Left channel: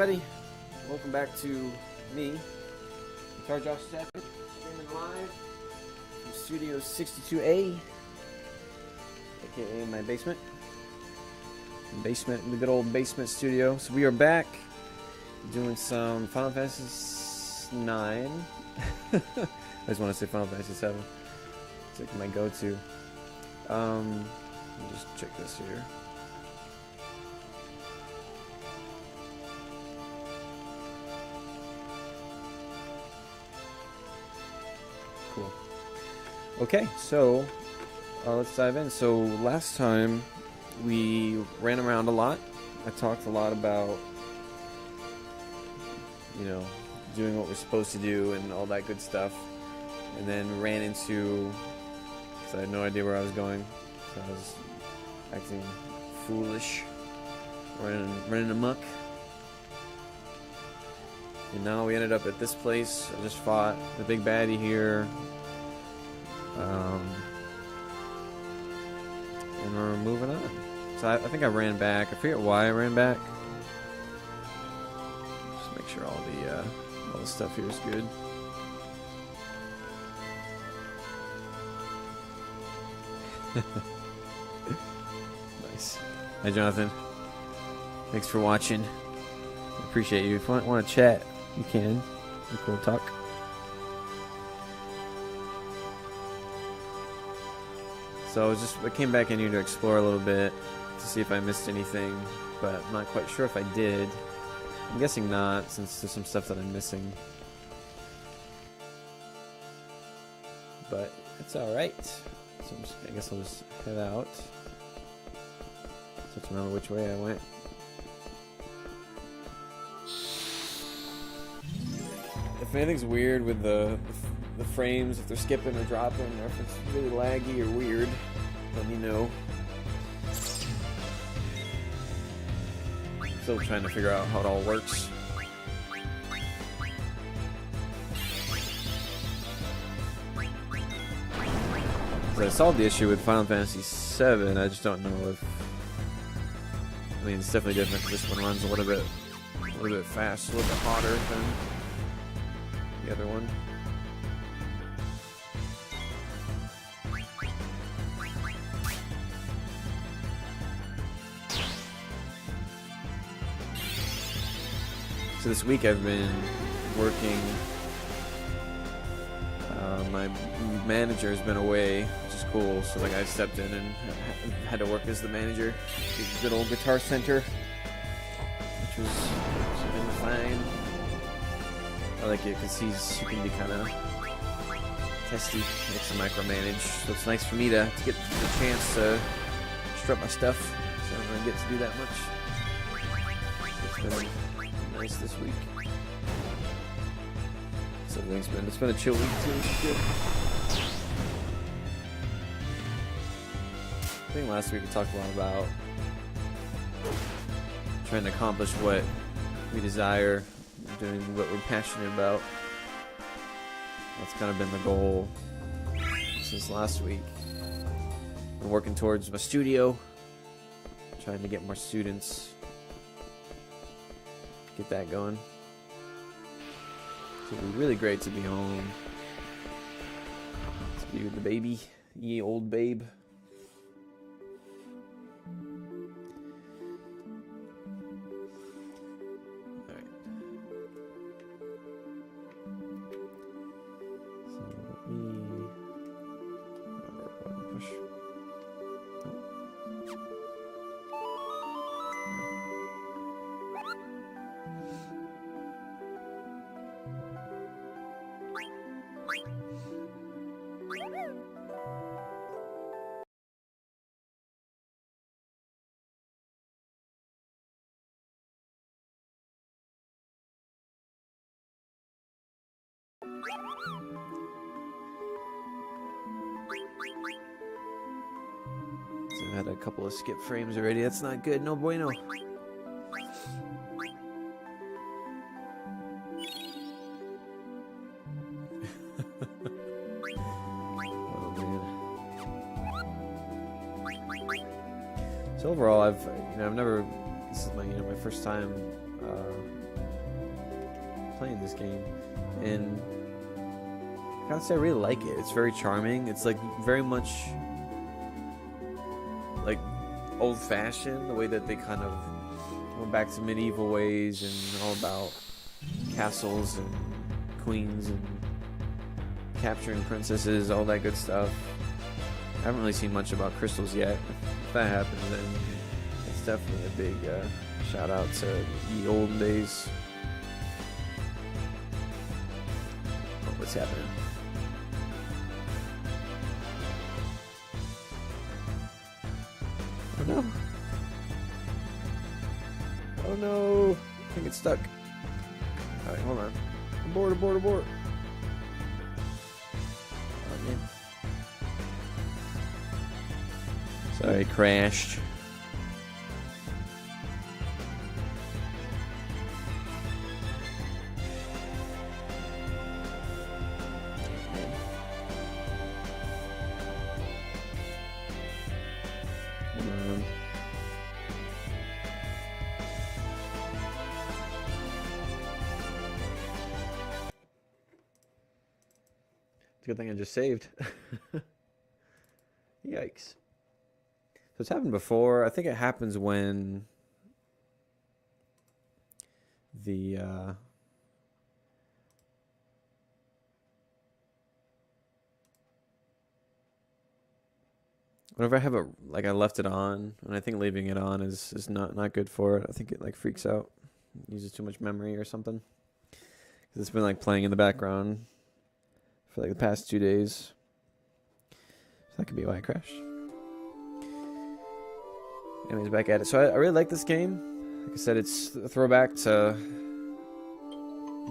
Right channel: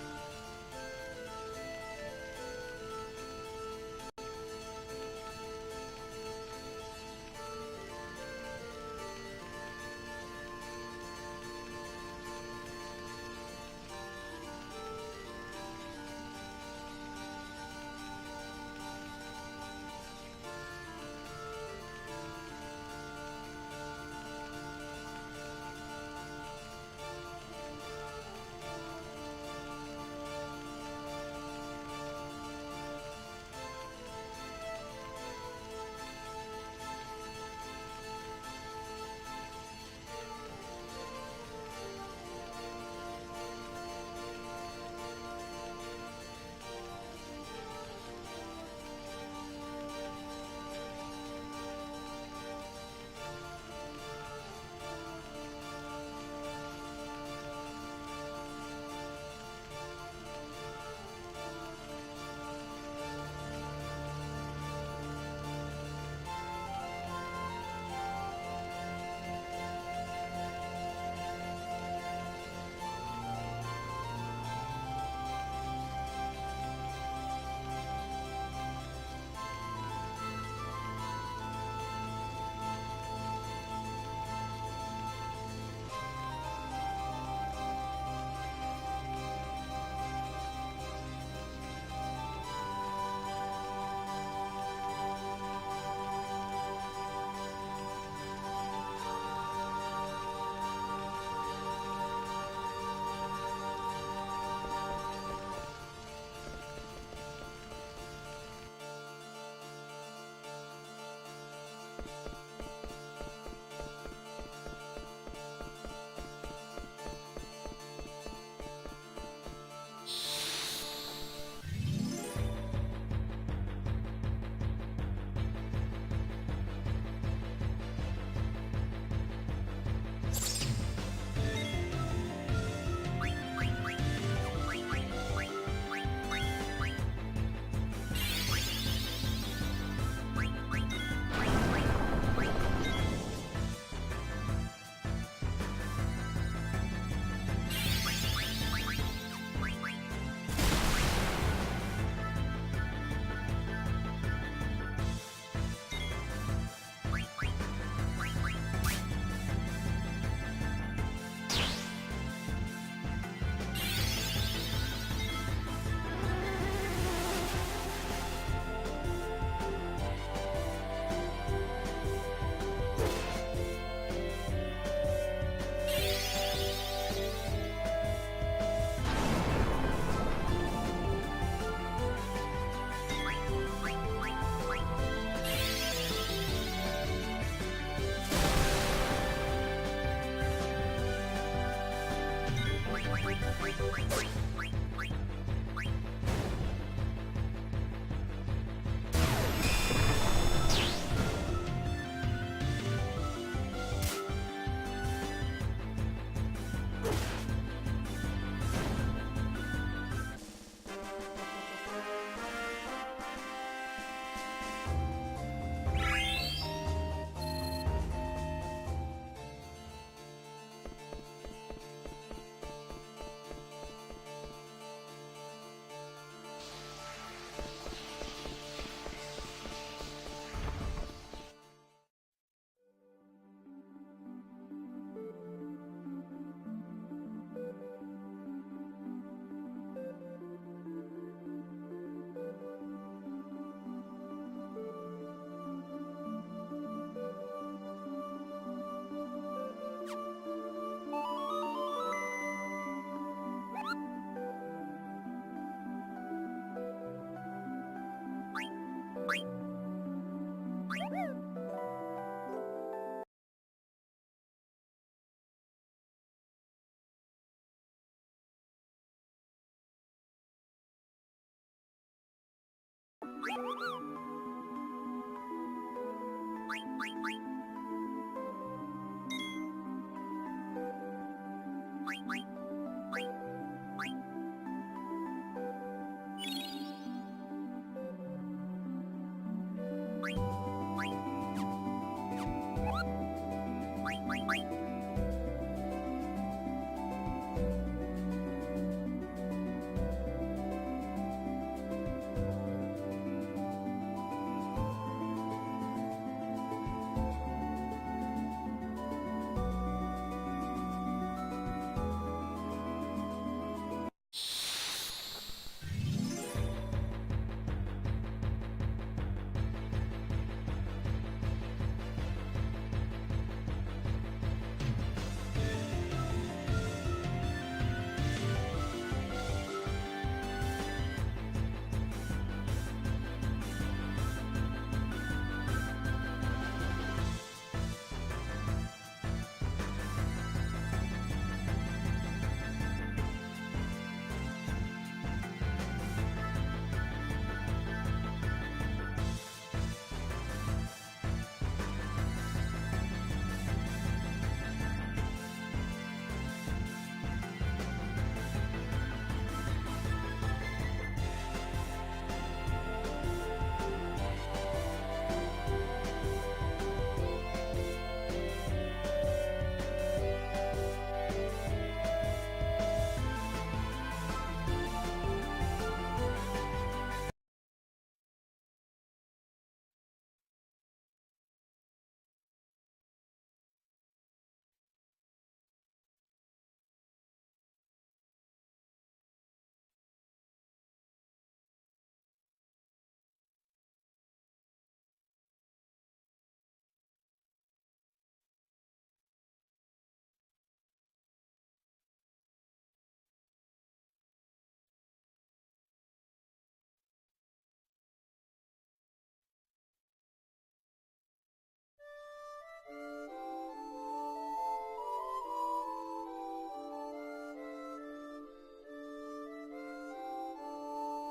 everybody. Welcome back to me, Guitar Josh 7, live, Studio 62A, aka my basement. The good old basement studio. So we are back doing some Final Fantasy 9. I just want to say Final Fantasy 7. It's like my go-to. Let me just check this here. Okay, so let's dive in. So last time we ran around a lot. I talked a lot about, doing what we're supposed to do and all that good stuff. And then ran into, so I had no idea where I was going. So I was acting foolish, running amok. And now we ended up at this place. I just fought the big baddie here. And we're moving on. So I think I ran back. I forget why I ran back. Just make sure all the stuff here is good. Nice. Hi, Jonathan. Thanks for watching. Appreciate you. If you want to chat, you can. We can talk. So I came back in here to explore a little bit to see if I missed anything, but I'm not quite sure if I did. I'm guessing not, since there's some stuff that I'm missing. But it's alright. So I guess I'll just head out. Just have to remember which way I went. If anything's weird with the frames, if they're skipping or dropping, or if it's really laggy or weird, let me know. Still trying to figure out how it all works. So I solved the issue with Final Fantasy 7. I just don't know if, it's definitely different. This one runs a little bit faster, a little bit hotter than the other one. So this week I've been working. My manager has been away to school, so I stepped in and had to work as the manager. It's a good old Guitar Center, which was fine. I like it because he can be kind of testy, likes to micromanage. So it's nice for me to get a chance to strut my stuff. So I don't get to do that much. Nice this week. So it's been a chill week. I think last week we talked a lot about trying to accomplish what we desire, doing what we're passionate about. That's kind of been the goal since last week. I'm working towards my studio, trying to get more students. Get that going. It'd be really great to be home. To be with the baby, ye old babe. I had a couple of skip frames already. That's not good. No bueno. So overall, I've never. This is my first time honestly, I really like it. It's very charming. It's like very much like old-fashioned, the way that they kind of went back to medieval ways and all about castles and queens and capturing princesses, all that good stuff. I haven't really seen much about crystals yet. If that happens, then it's definitely a big shout out to the old days. What's happening? Oh no! I get stuck. Alright, hold on. Abort. Sorry, crashed. It's a good thing I just saved. Yikes. So it's happened before. I think it happens when the whenever I have it, like I left it on, and I think leaving it on is not good for it. I think it like freaks out, uses too much memory or something. 'Cause it's been like playing in the background for like the past 2 days. So that could be why I crashed. Anyways, back at it. So I really like this game. Like I said, it's a throwback to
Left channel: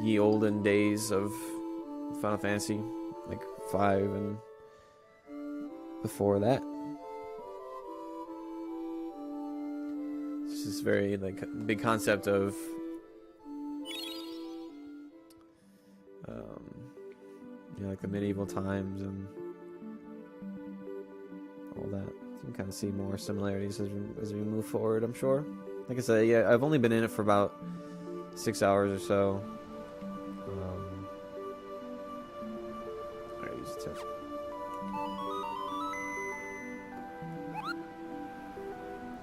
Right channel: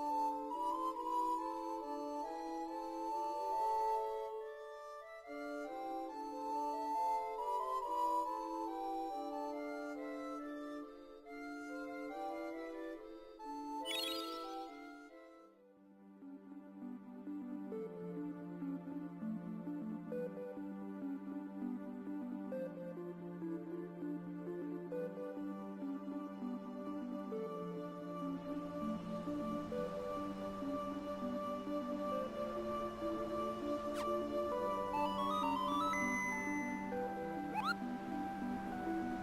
ye olden days of Final Fantasy, like 5 and before that. It's this very like big concept of you know, like the medieval times and kind of see more similarities as we move forward, I'm sure. Like I said, yeah, I've only been in it for about 6 hours or so.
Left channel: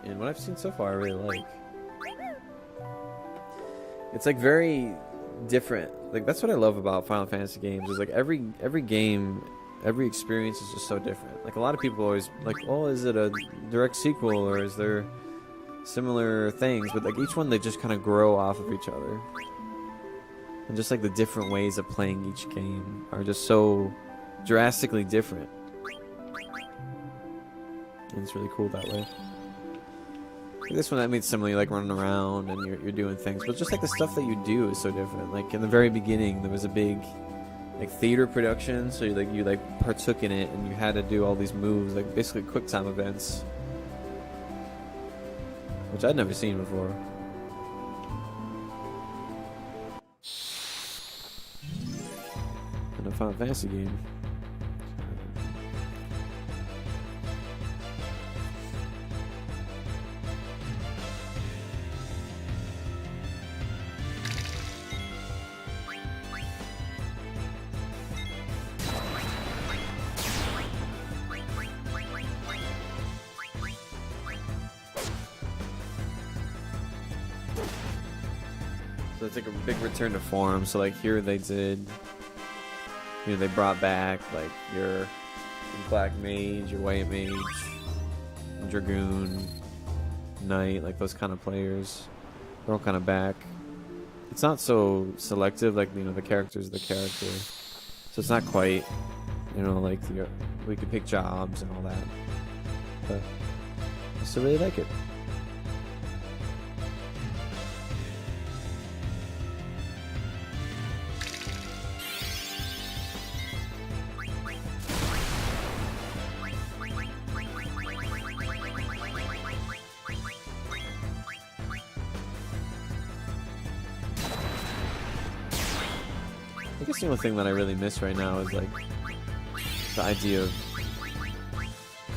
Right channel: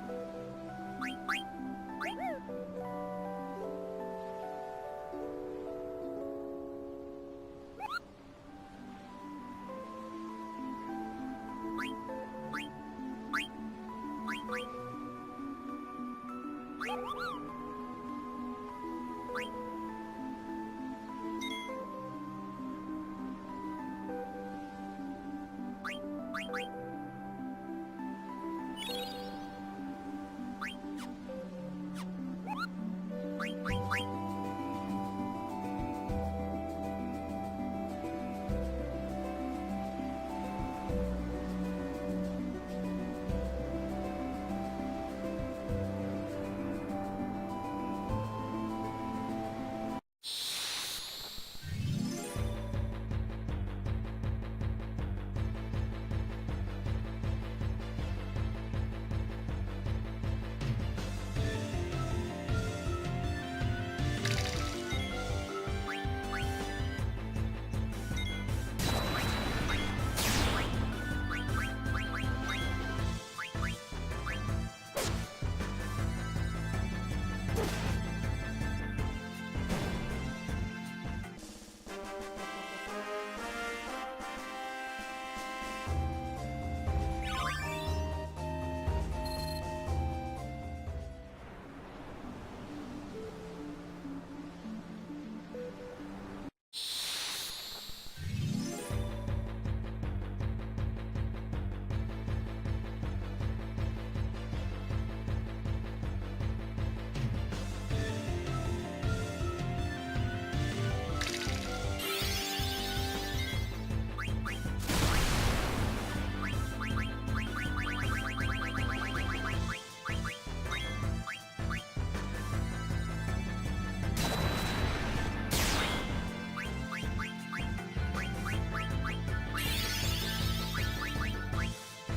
And what I've seen so far, I really like. It's like very different. Like that's what I love about Final Fantasy games. Is like every game, every experience is just so different. Like a lot of people always like, oh, is it a direct sequel or is there similar things? But like each one, they just kind of grow off of each other. And just like the different ways of playing each game are just so drastically different. And it's really cool that way. Like this one, that means similarly like running around and you're doing things. But just like the stuff that you do is so different. Like in the very beginning, there was a big like theater production, so you partook in it and you had to do all these moves, like basically quick time events, which I'd never seen before. In a Final Fantasy game. Return to form. So like here they did, you know, they brought back like your black mage, your white mage, dragoon, knight, like those kind of players. They're all kind of back. It's not so selective, like, you know, the character's the character, so it's not quite, you know, like we can pick jobs and all that. But I still really like it. The only thing that I really miss right now is like the idea of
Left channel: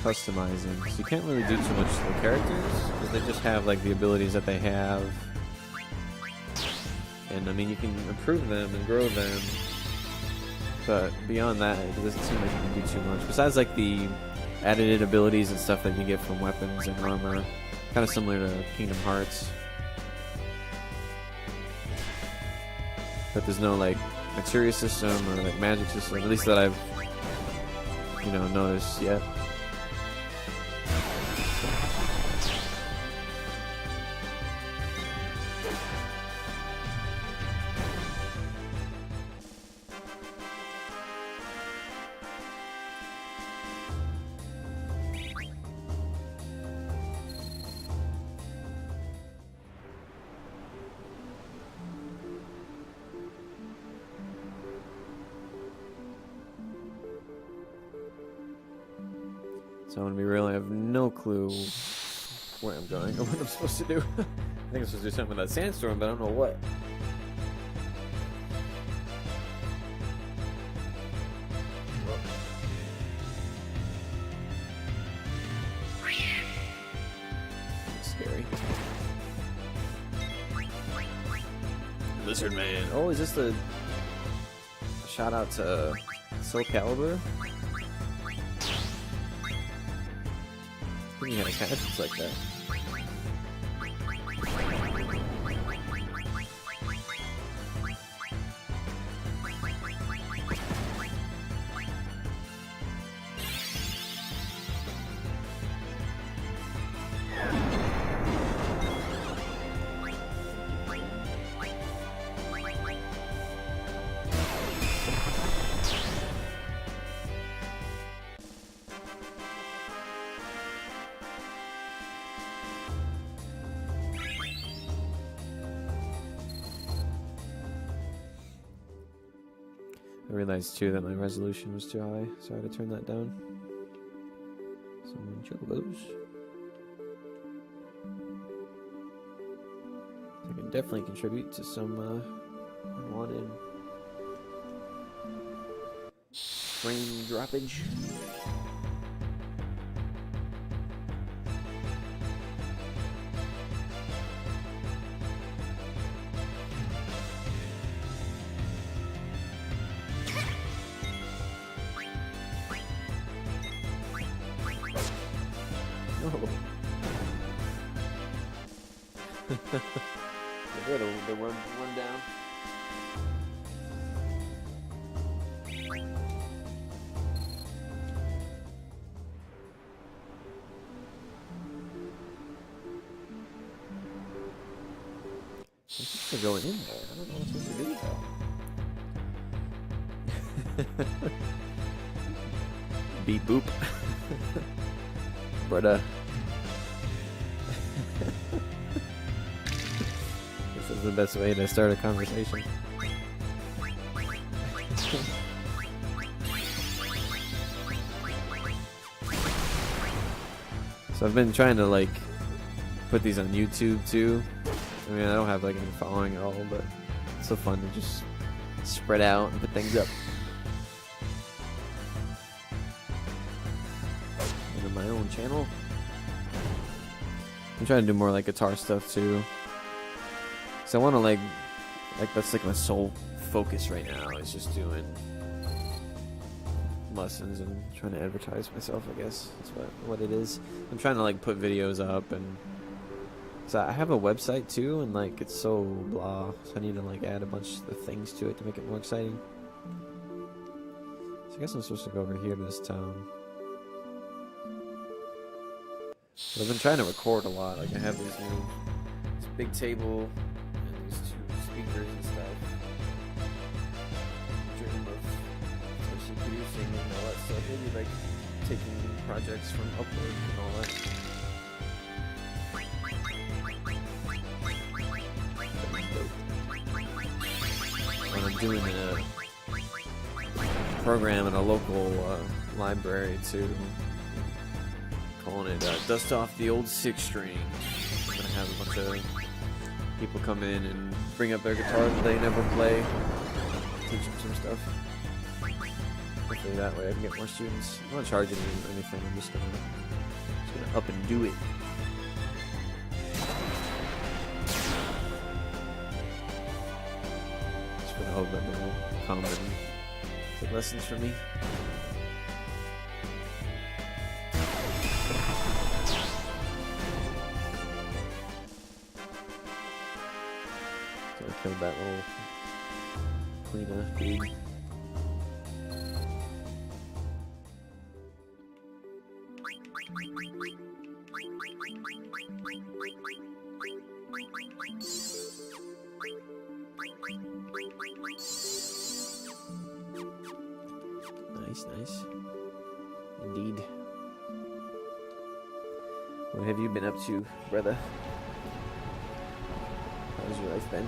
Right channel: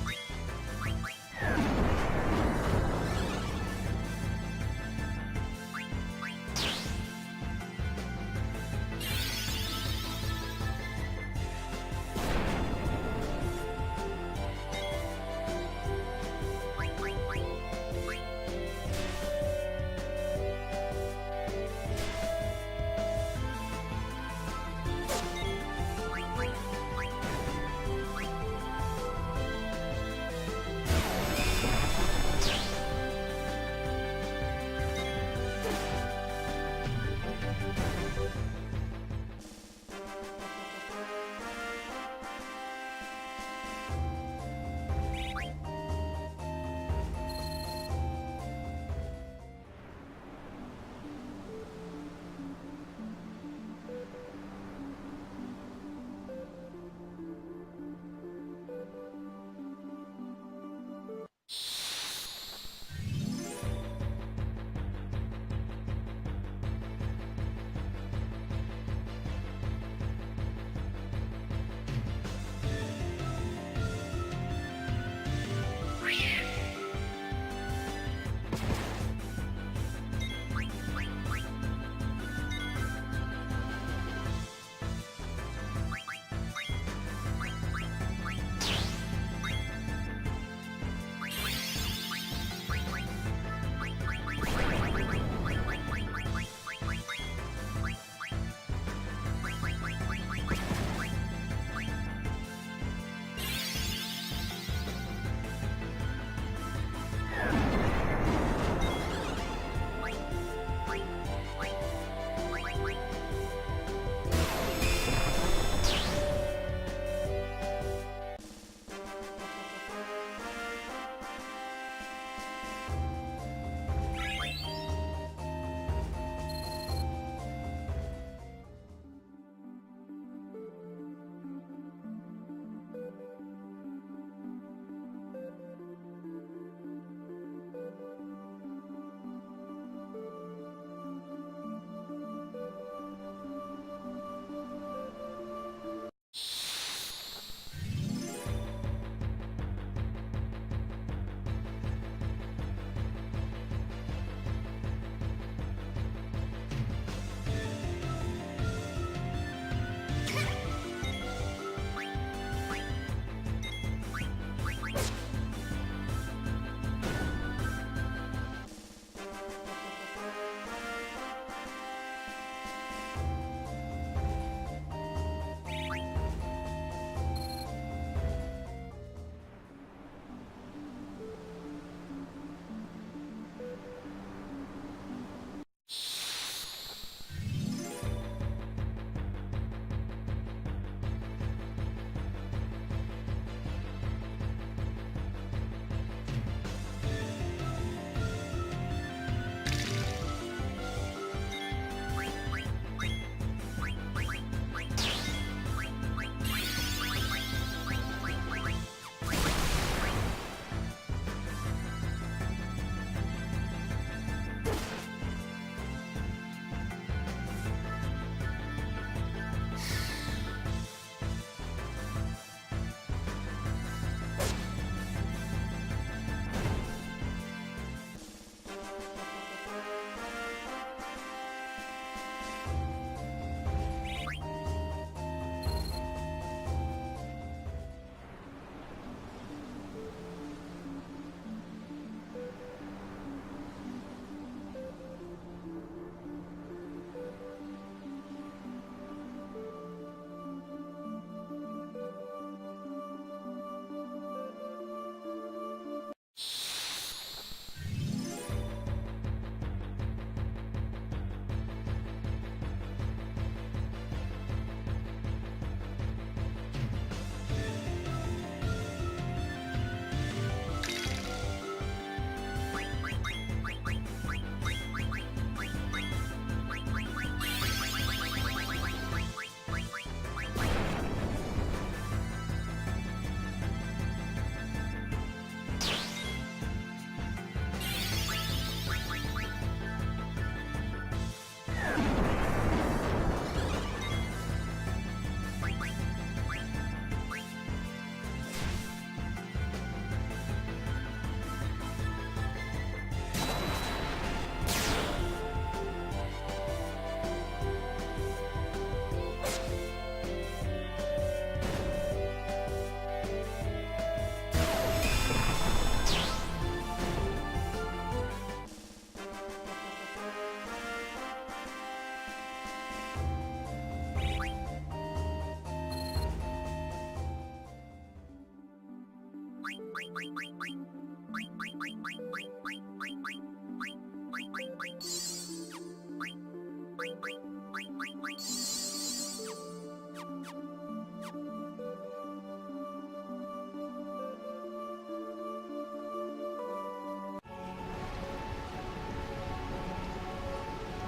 customizing. So you can't really do too much to the characters. They just have like the abilities that they have, and I mean you can improve them and grow them, But beyond that, it doesn't seem like you can do too much. Besides like the added abilities and stuff that you get from weapons and armor, kind of similar to Kingdom Hearts. But there's no like materia system or like magic system, at least that I've noticed yet. So I'm gonna be real, I have no clue what I'm going or what I'm supposed to do. I think I'm supposed to do something with that sandstorm, but I don't know what. Scary. Lizard Man. Oh, is this the shout out to Soul Calibur? Yeah, it kind of looks like that. I realized too that my resolution was too high, so I had to turn that down. Some chocobos. I can definitely contribute to some wanted frame droppage. Going in there. Beep boop. But this is the best way to start a conversation. So I've been trying to like put these on YouTube too. I mean, I don't have like any following at all, but it's so fun to just spread out and put things up. On my own channel. I'm trying to do more like guitar stuff too. So I want to like that's like my sole focus right now. It's just doing lessons and trying to advertise myself, I guess. That's what it is. I'm trying to like put videos up and so I have a website too, and like it's so blah, so I need to like add a bunch of things to it to make it more exciting. So I guess I'm supposed to go over here to this town. But I've been trying to record a lot, like I have this big table, and these two speakers and stuff. Dream of especially producing and all that stuff, maybe like taking projects from uploading and all that. Doing a program in a local library too, calling it Dust Off the Old Six String. Have a bunch of people come in and bring up their guitar, play, never play, teach them some stuff. Hopefully that way I can get more students. I'm not charging them anything, I'm just gonna up and do it. Nice, nice. Indeed. What have you been up to, brother? How's your life been?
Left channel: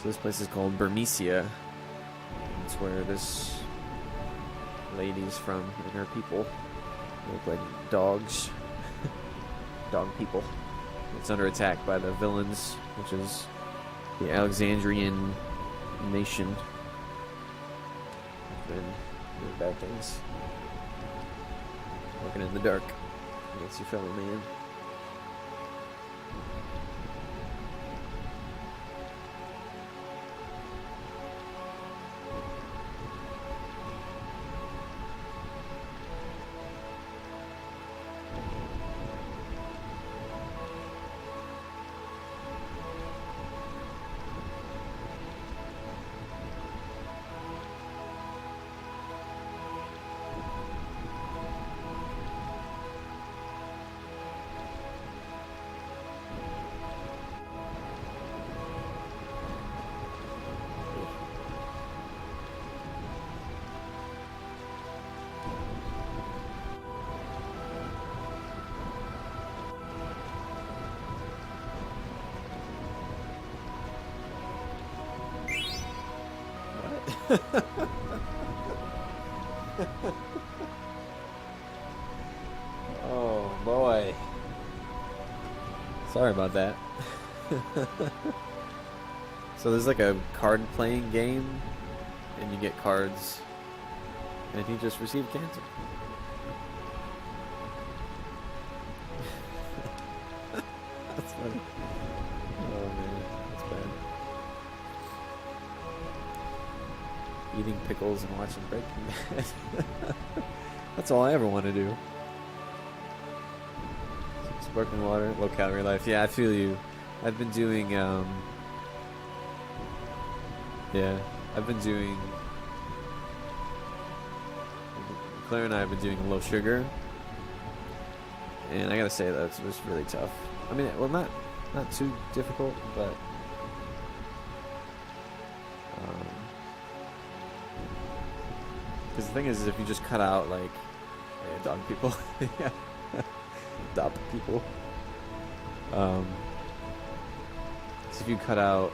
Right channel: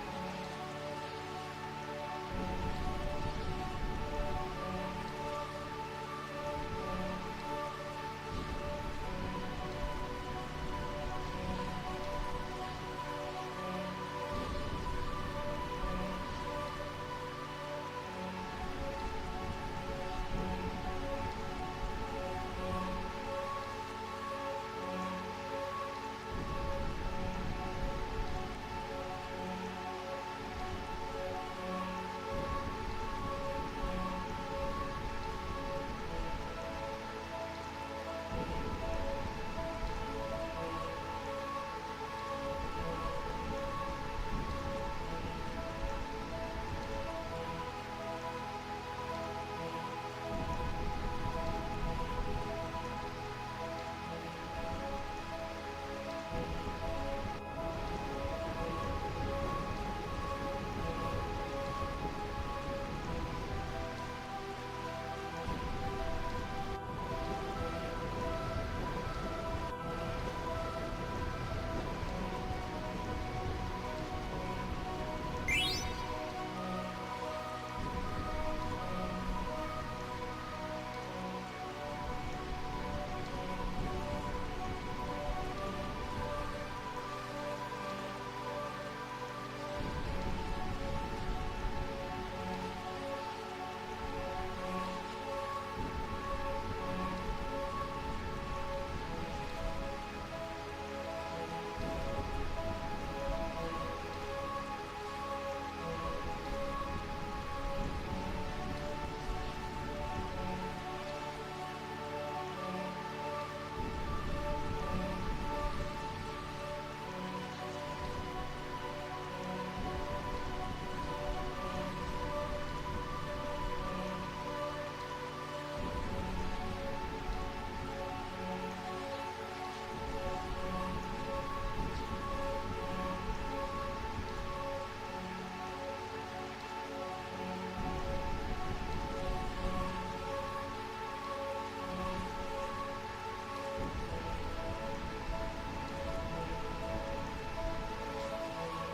So this place is called Burmecia. It's where this lady's from, and her people look like dogs. Dog people. It's under attack by the villains, which is the Alexandrian nation. And bad things. Walking in the dark. That's your fellow man. Oh boy. Sorry about that. So there's like a card playing game, and you get cards, and he just received cancer. That's funny. Oh man, that's bad. Eating pickles and watching Breaking Bad. That's all I ever want to do. Sparkling water, low calorie life. Yeah, I feel you. I've been doing, Claire and I have been doing low sugar. And I gotta say, that was really tough. I mean, well, not too difficult, but because the thing is if you just cut out like dog people, yeah, adopt people. So if you cut out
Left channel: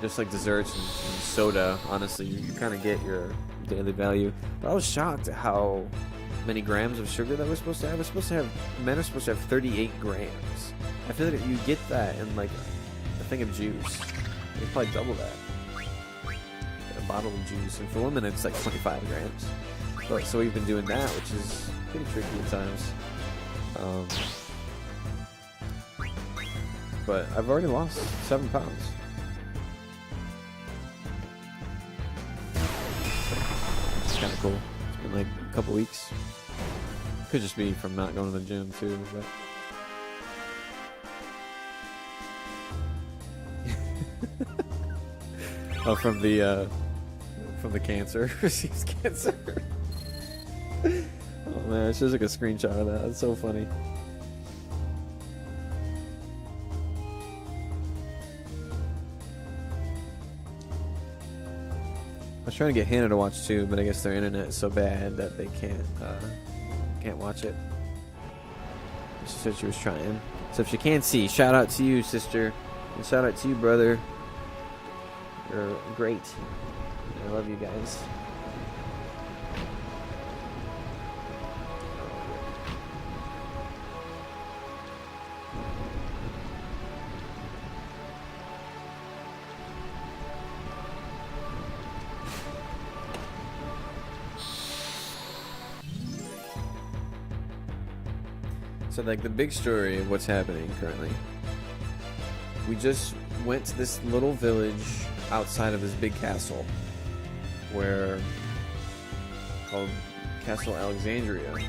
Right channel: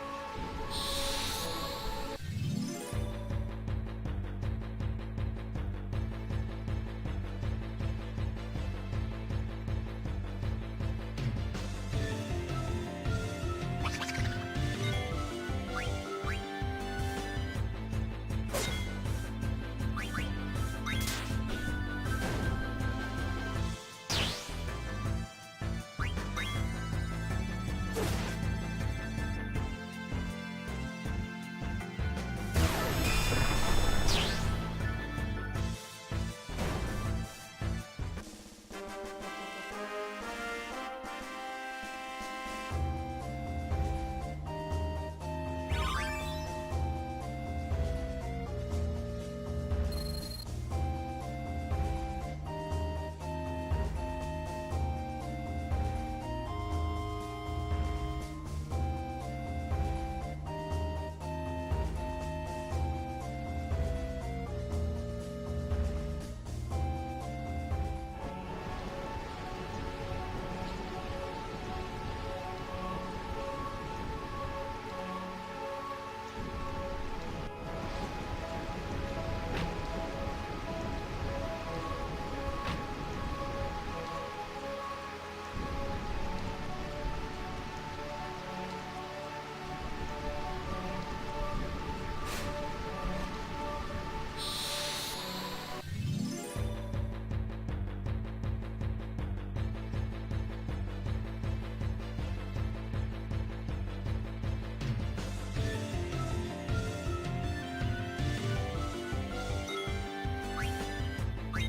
just like desserts and soda, honestly, you kind of get your daily value. But I was shocked at how many grams of sugar that we're supposed to have. Men are supposed to have 38 grams. I feel like if you get that in like a thing of juice, you probably double that. A bottle of juice. And for women, it's like 25 grams. But, so we've been doing that, which is pretty frequent times. But I've already lost 7 pounds. Cool. In like a couple weeks. Could just be from not going to the gym too. But oh, from the cancer. Receives cancer. Oh man, it's just like a screenshot of that. It's so funny. I was trying to get Hannah to watch too, but I guess their internet's so bad that they can't watch it. She said she was trying. So if she can't see, shout out to you, sister. And shout out to you, brother. You're great. I love you guys. So like the big story of what's happening currently. We just went to this little village outside of this big castle called Castle Alexandria. And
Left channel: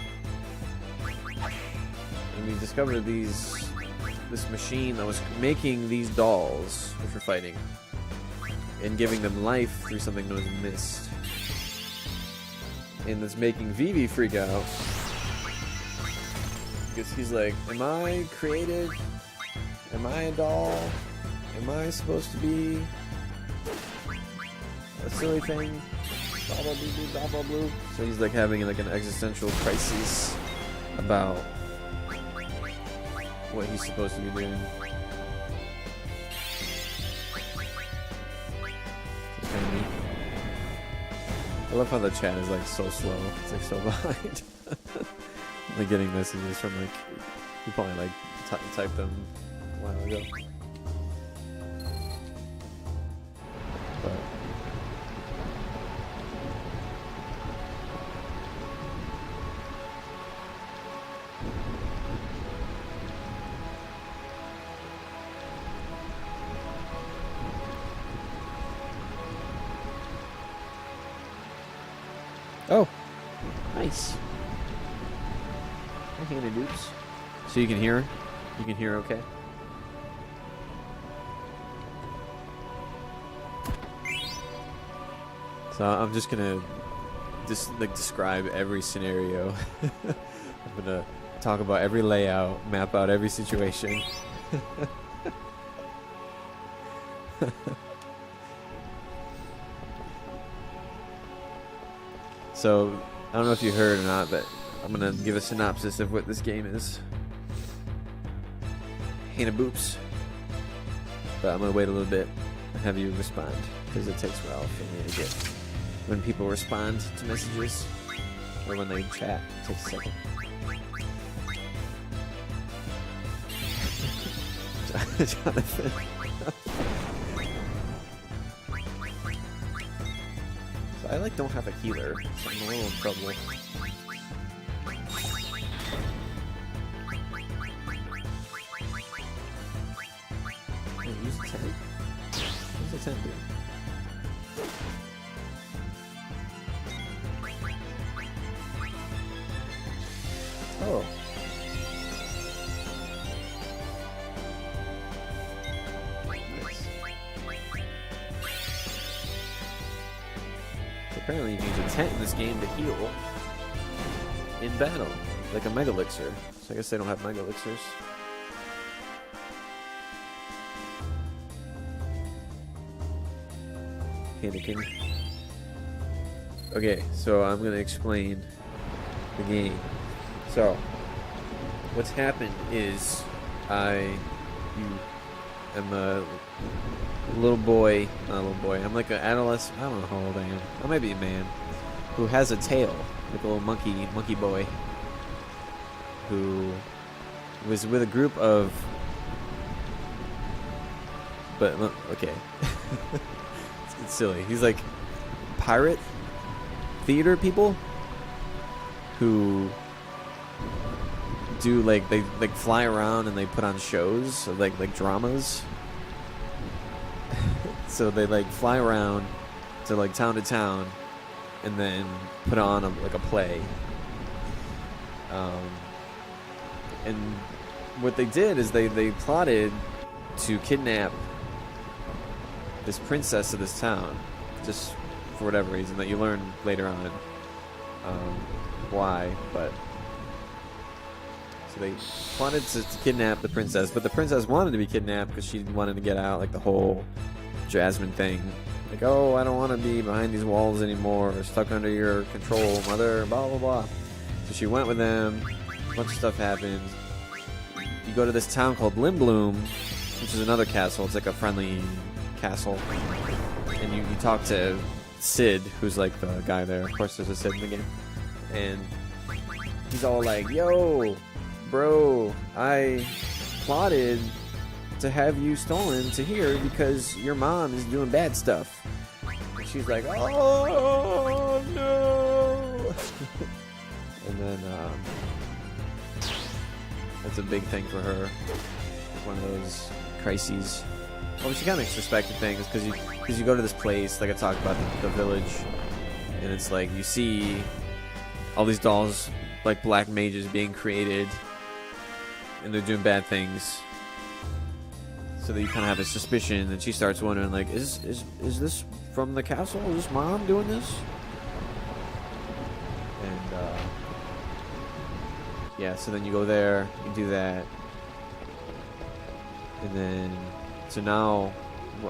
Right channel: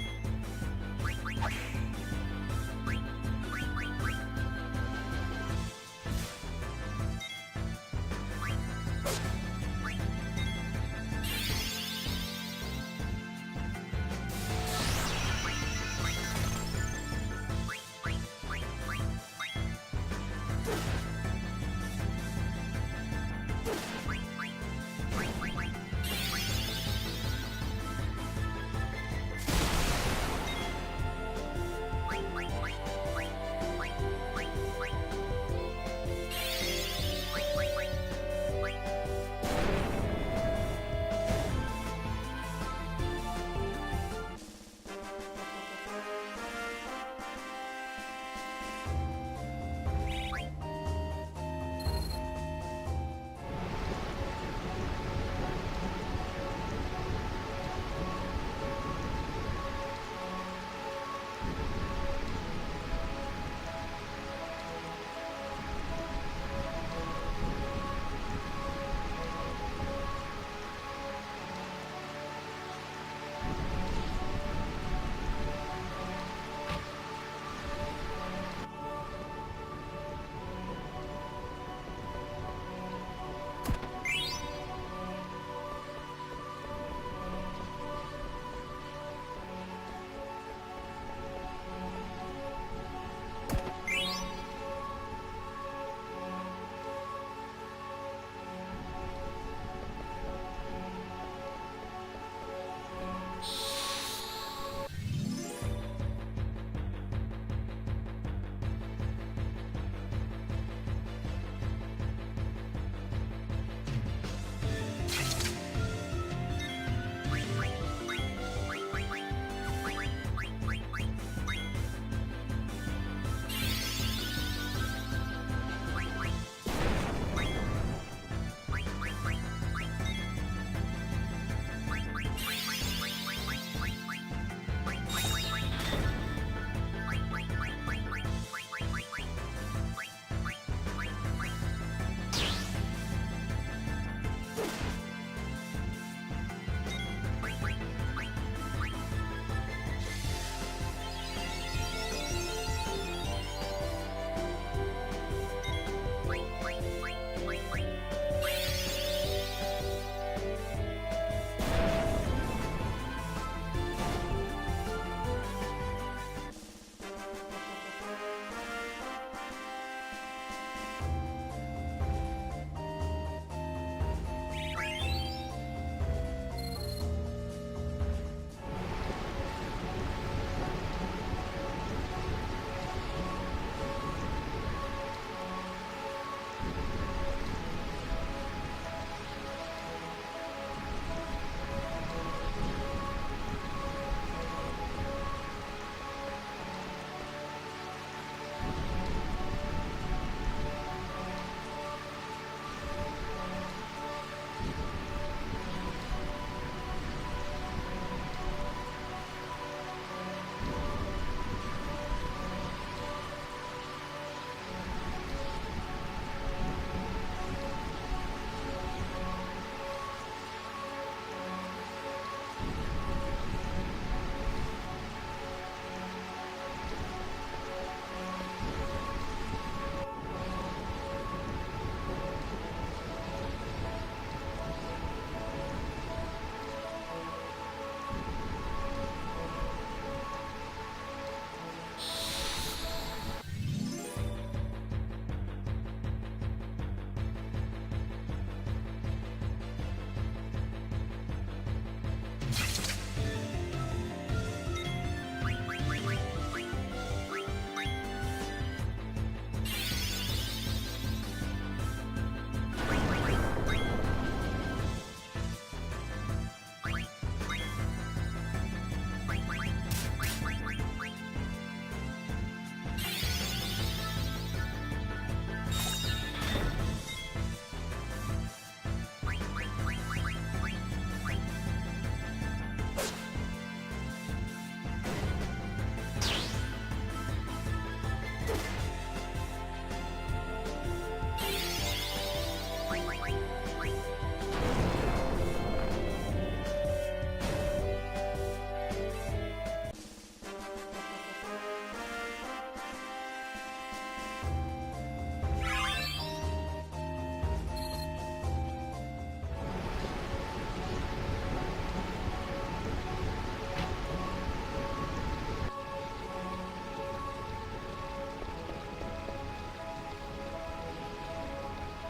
we just discovered that this machine that was making these dolls for fighting and giving them life through something known as mist. And it's making Vivi freak out. Because he's like, am I created? Am I a doll? Am I supposed to be a silly thing? So he's like having like an existential crisis about what he's supposed to be doing. I love how the chat is like so slow. It's like so behind. Like getting messages from like you probably like type them. Oh, nice. Okay, dudes. So you can hear? You can hear okay? So I'm just gonna describe every scenario. I'm gonna talk about every layout, map out every situation. So, I don't know if you heard or not, but I'm gonna give a synopsis of what this game is. Hannah Boops. But I'm gonna wait a little bit and have you respond, because it takes a while when people respond to messages, or when they chat. It takes a second. Jonathan. I like don't have a healer. I'm a little trouble. Oh. Apparently you can intent this game to heal in battle, like a Mega Elixir. So I guess they don't have Mega Elixirs. Anakin. Okay, so I'm gonna explain the game. So, what's happened is I am a little boy, not a little boy, I'm like an adolescent, I don't know how old I am, I might be a man, who has a tail, like a little monkey boy, who was with a group of, but, okay, it's silly, he's like pirate theater people who do like they like fly around and they put on shows like dramas. So they like fly around to like town to town and then put on like a play. And what they did is they plotted to kidnap this princess of this town, just for whatever reason that you learn later on why, but so they wanted to kidnap the princess, but the princess wanted to be kidnapped because she wanted to get out, like the whole Jasmine thing, like, oh, I don't want to be behind these walls anymore, or stuck under your control, mother, blah blah blah. So she went with them, a bunch of stuff happened. You go to this town called Lindblum, which is another castle, it's like a friendly castle, and you can talk to Sid, who's like the guy there. Of course there's a Sid in the game, and he's all like, yo bro, I plotted to have you stolen to here because your mom is doing bad stuff. She's like, oh no. And then that's a big thing for her, one of those crises. Well, she kind of expected things because you go to this place, like I talked about, the village, and it's like you see all these dolls, like black mages, being created, and they're doing bad things. So that you kind of have a suspicion, and she starts wondering, like, is this from the castle? Is this mom doing this? And yeah, so then you go there, you do that, and then so now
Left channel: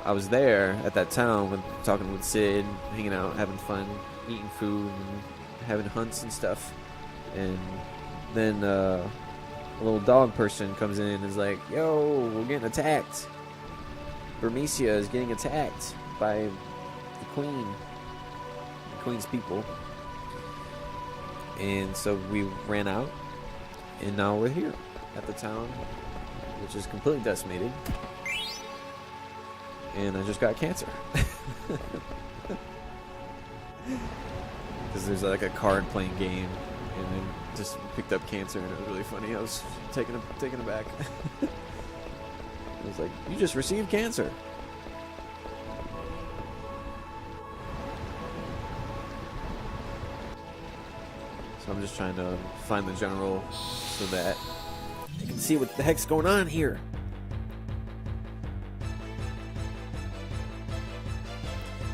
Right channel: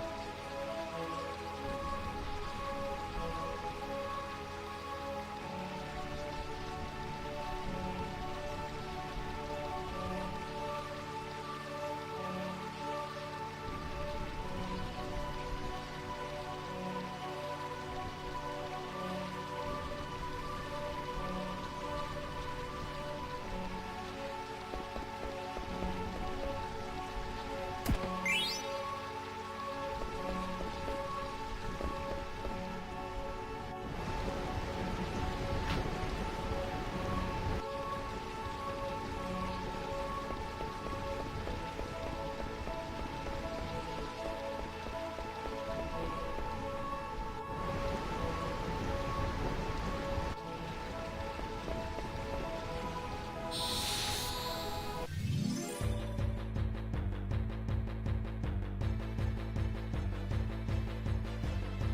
I was there at that town when talking with Sid, hanging out, having fun, eating food, and having hunts and stuff, and then a little dog person comes in and is like, yo, we're getting attacked. Bermesia is getting attacked by the Queen's people. And so we ran out, and now we're here at the town, which is completely decimated. And I just got cancer. Because there's like a card playing game, and I just picked up cancer, and it was really funny. I was taken aback. I was like, you just received cancer. So I'm just trying to find the general so that you can see what the heck's going on here.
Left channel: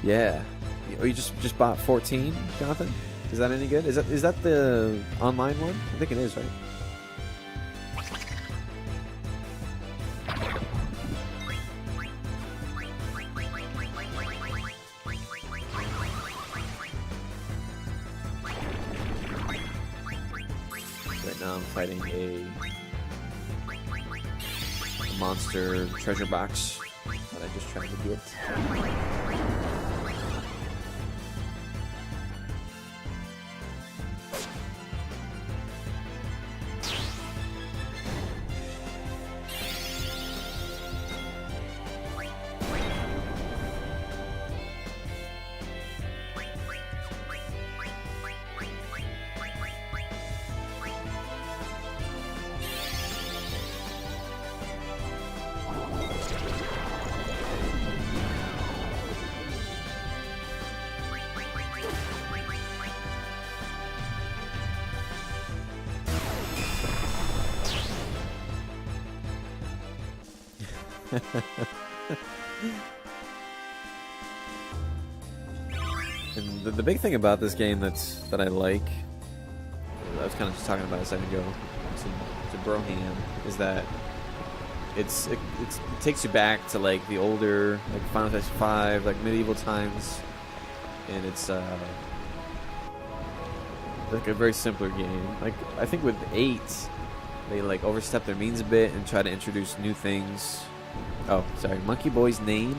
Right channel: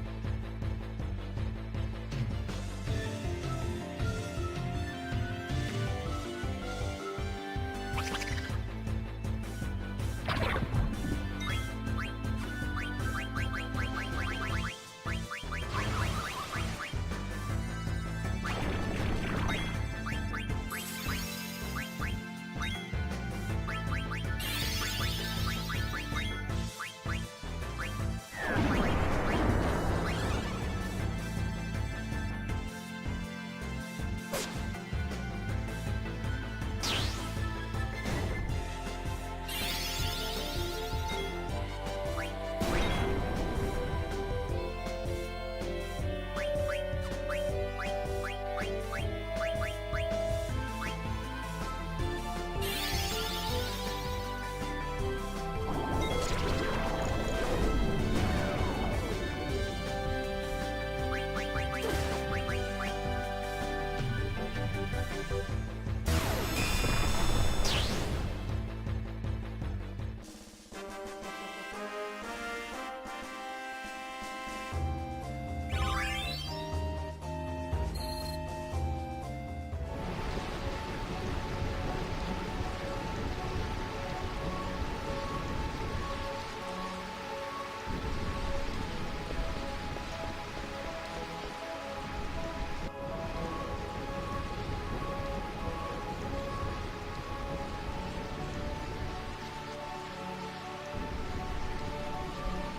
Yeah. Oh, you just bought 14, Jonathan? Is that any good? Is that the online one? I think it is, right? Right now I'm fighting a monster treasure box that I just tried to get. And the big thing about this game that I like, I was kind of just talking about a second ago to Broham, is that it takes you back to like the older like Final Fantasy V, like medieval times, and it's like a very simpler game. Like I think with 8, they like overstep their means a bit and try to introduce new things. Oh, sorry. Monkey Boy's name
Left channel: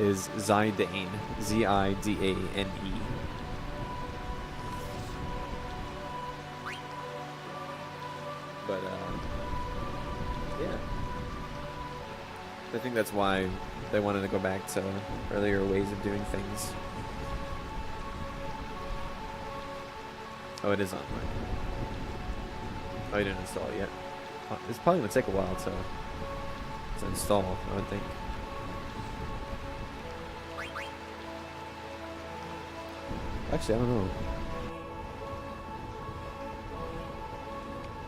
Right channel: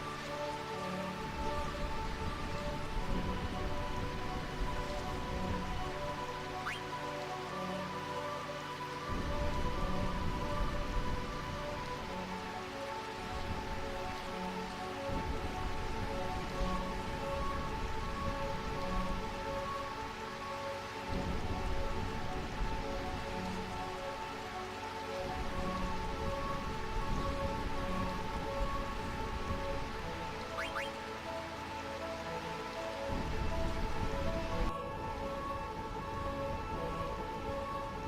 is Zidane. Z-I-D-A-N-E. But, yeah. I think that's why they wanted to go back to earlier ways of doing things. Oh, it is online. Oh, you didn't install it yet. It's probably going to take a while to install, I would think. Actually, I don't know.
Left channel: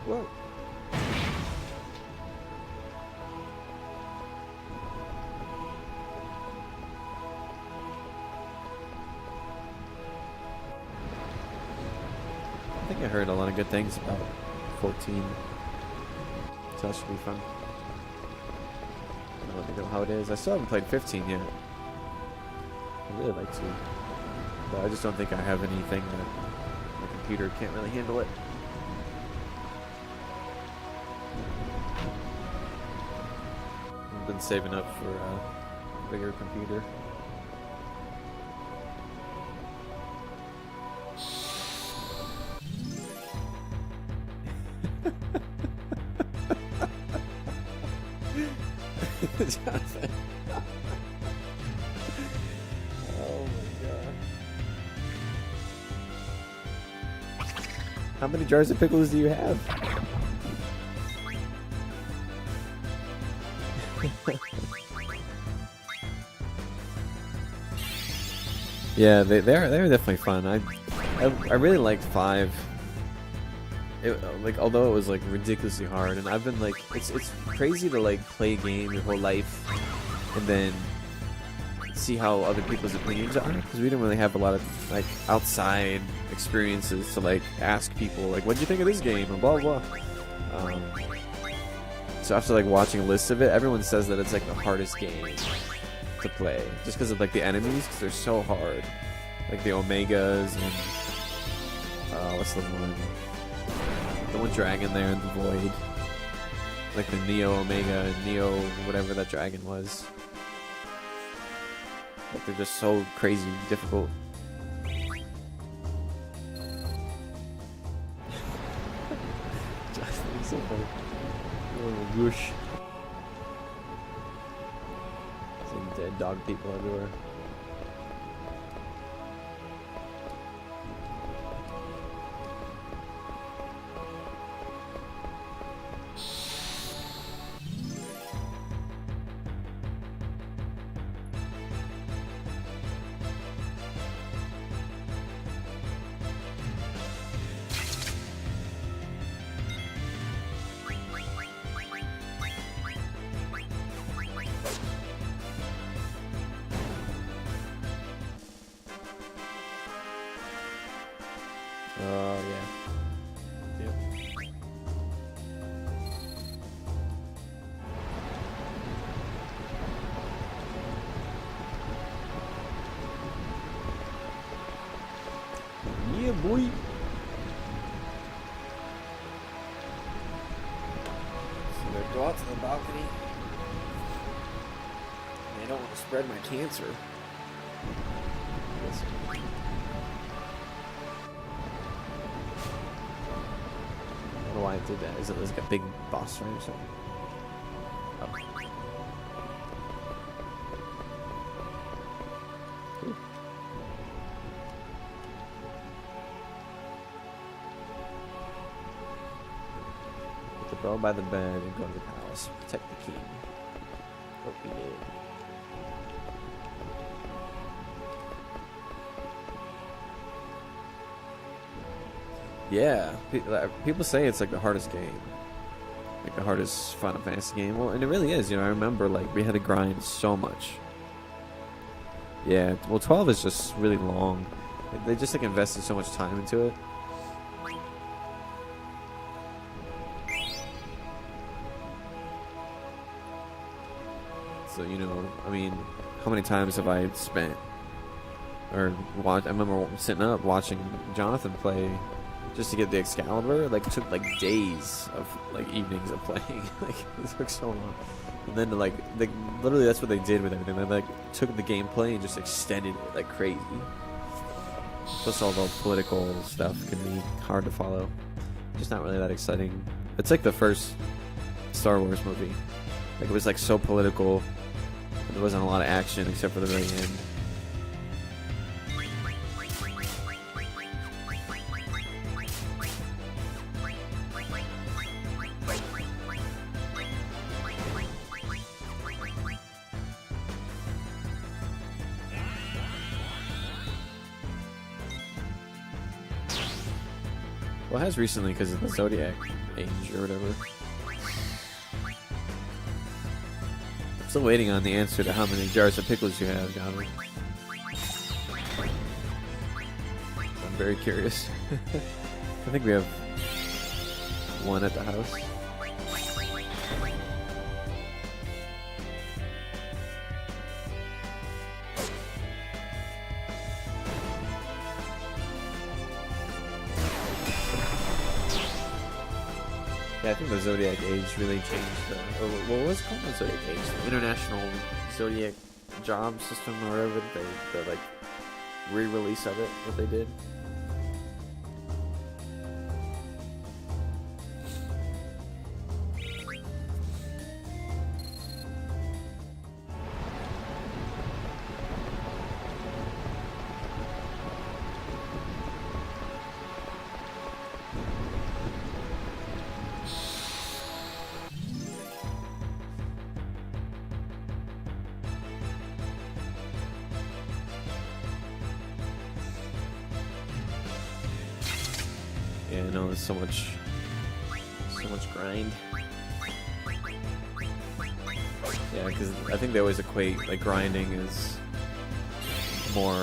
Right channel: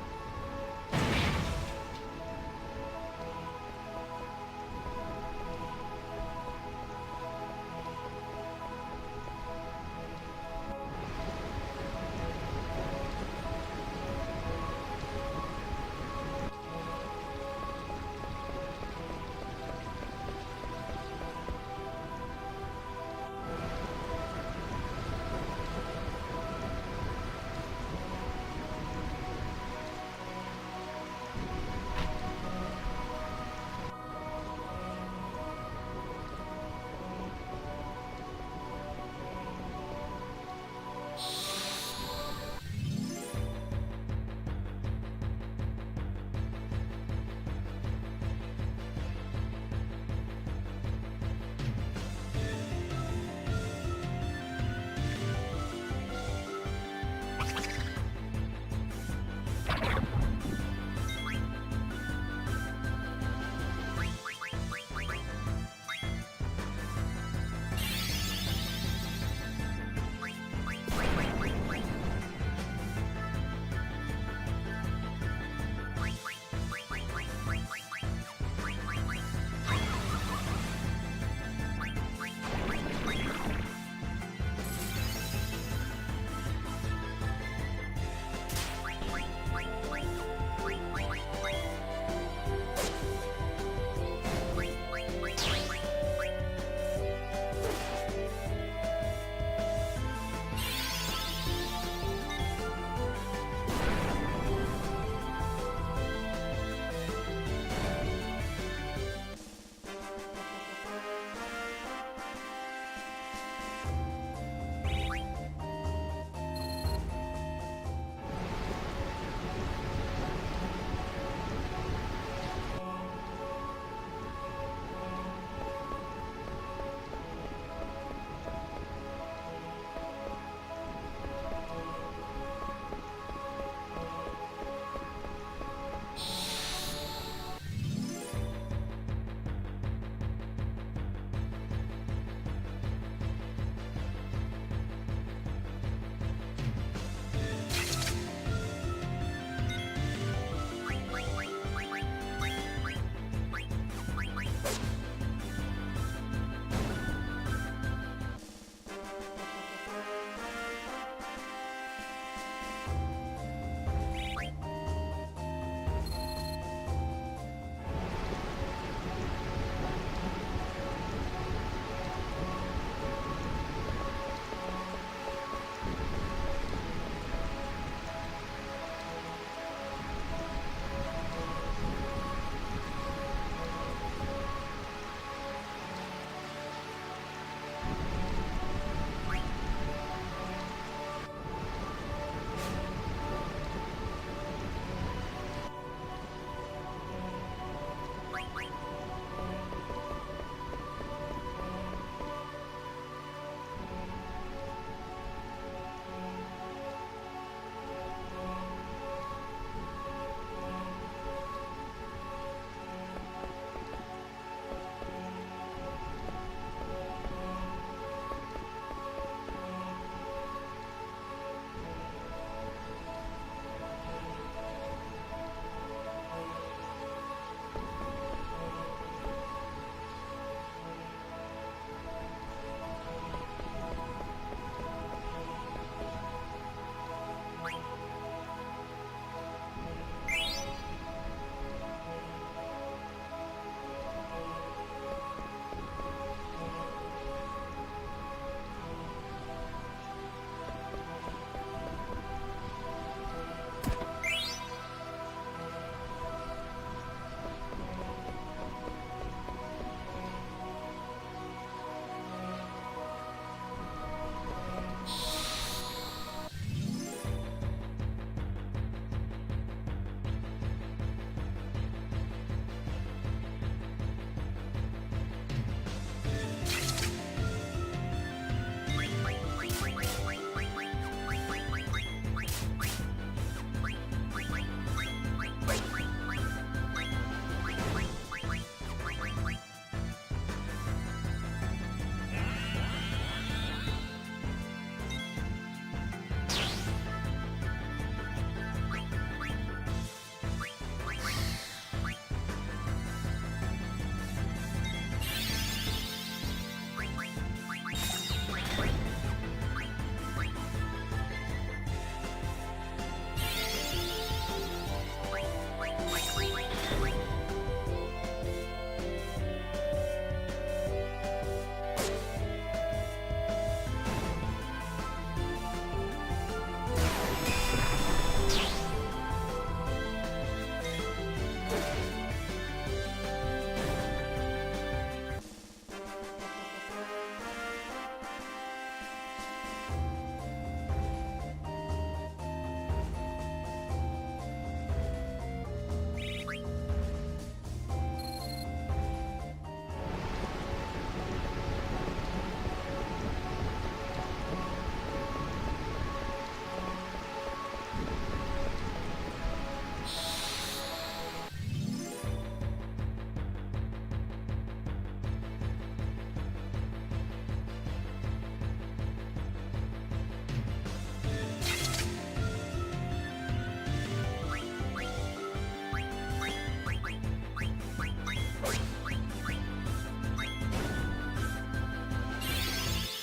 Whoa. I think I heard a lot of good things about 14. So that should be fun. How it is. I still haven't played 15 yet. I'd really like to. But I just don't think I have anything that my computer can't really handle it. I've been saving up for a bigger computer. Jonathan. How many jars of pickles do you have? Yeah, they're definitely fun. I really like 5. like although it was like ridiculously hard, and I've been like it's crazy to like play a game your whole life and then see how other people's opinions are, because we didn't really have a lot of like outside experiences to like ask people like, what do you think of this game, and blah blah. So after like watching a list of it, everyone says that it's like the hardest game to play just because of like the enemies, because they're so hard, like the Omegas and what's the one dragon there in the void, like the Neo Omega, Neo whatever that dragon was. Like they're just so crazy difficult. So funny. Whoosh. Seeing dead dog people everywhere. Boy. So go out to the balcony. I don't want to spread my cancer. I don't know why I did that. Is it like a big boss room or something? Go by the bed and go to the palace. Take the key. Yeah, people say it's like the hardest game, like the hardest Final Fantasy game. Well, and it really is. You know, I remember like we had to grind so much. Yeah, well, 12 is just really long. Like, they just like invested so much time into it. So, you know, I mean, how many times have I spent or watched? I remember sitting up watching Jonathan play just to get the Excalibur. Like, it took like days of like evenings of playing. Like, it took so long. And then like literally that's what they did with everything. They like took the gameplay and just extended it like crazy. Plus all the political stuff can be hard to follow. Just not really that exciting. It's like the first Star Wars movie. Like, it was like so political. There wasn't a lot of action except for the very end. Well, it has recently because of the Zodiac age or whatever. Still waiting on the answer to how many jars of pickles you have, John. I'm very curious. I think we have one at the house. Yeah, I think the Zodiac age really changed. What was it called? The Zodiac age? International Zodiac job system or whatever, the like re-release of it that they did. So much I think they always equate like grinding as more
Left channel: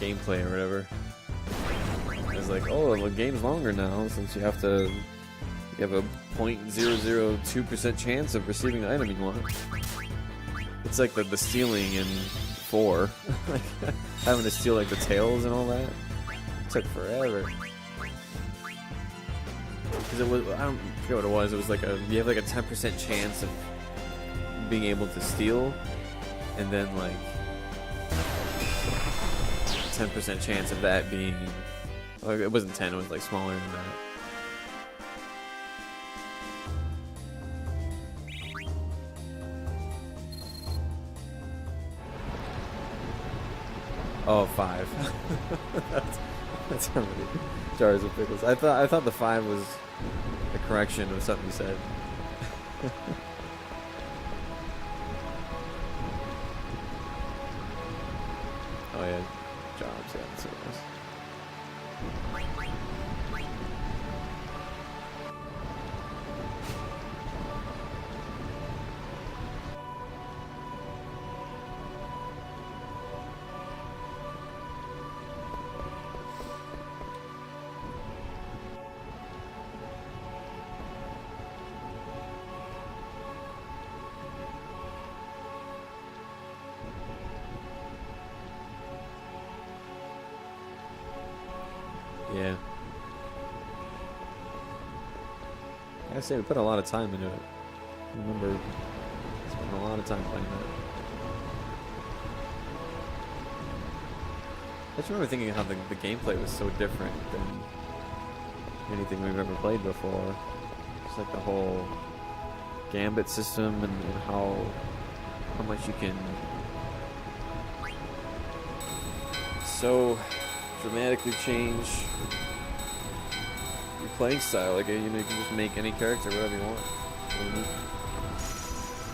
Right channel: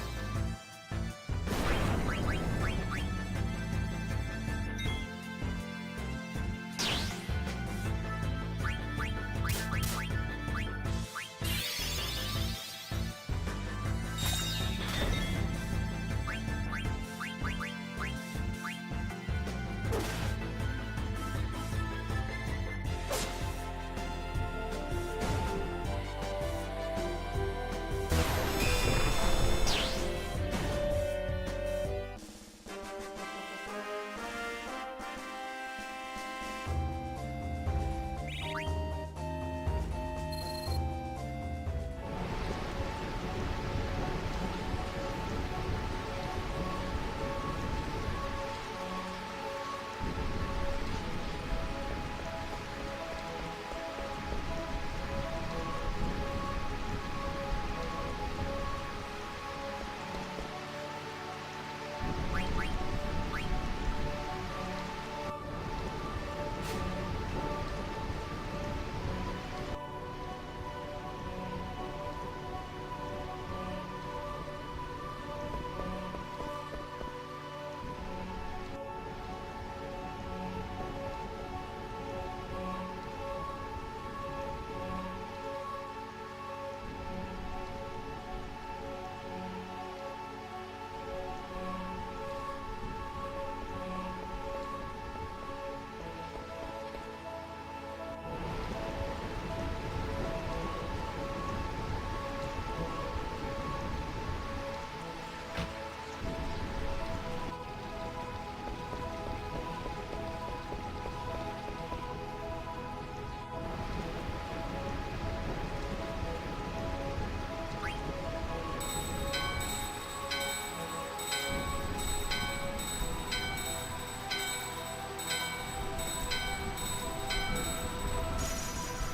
gameplay or whatever. It's like, oh, the game's longer now since you have a 0.002% chance of receiving an item you want. It's like the stealing in 4. Having to steal like the tails and all that. It took forever. It was, I don't forget what it was. It was like you have like a 10% chance of being able to steal, and then like 10% chance of that being, like, it wasn't 10, it was like smaller than that. Oh, 5. that's how many jars of pickles. I thought the 5 was a correction of something you said. Oh yeah, jar of pickles. Yeah. I say we put a lot of time into it. I remember spending a lot of time playing that. I just remember thinking how the gameplay was so different than anything we've ever played before. It's like the whole gambit system and how much you can so dramatically change your playing style. Like, you can just make any character whatever you want.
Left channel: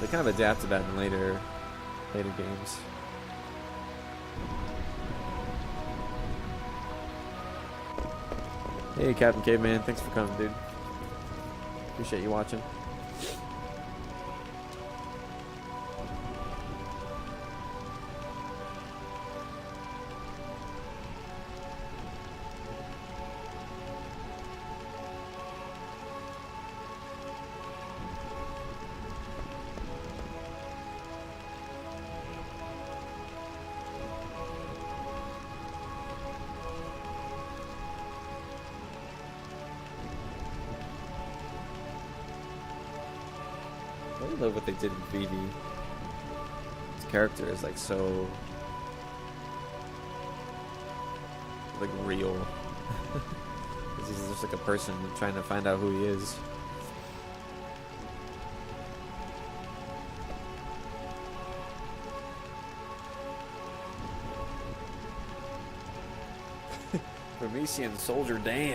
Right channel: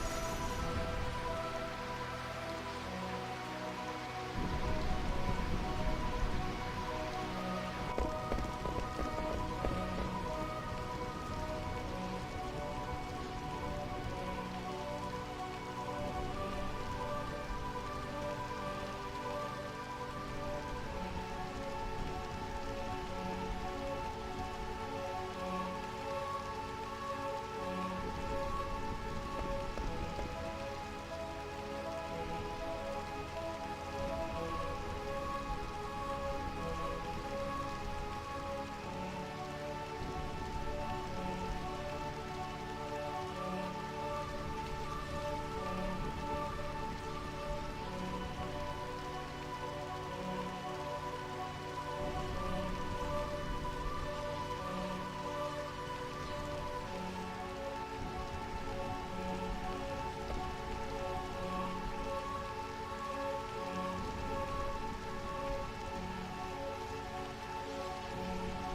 They kind of adapted that in later games. Hey, Captain Caveman, thanks for coming, dude. Appreciate you watching. I love what they did in 3D. His character is like so like real. This is just like a person trying to find out who he is. Parisian Soldier Dan.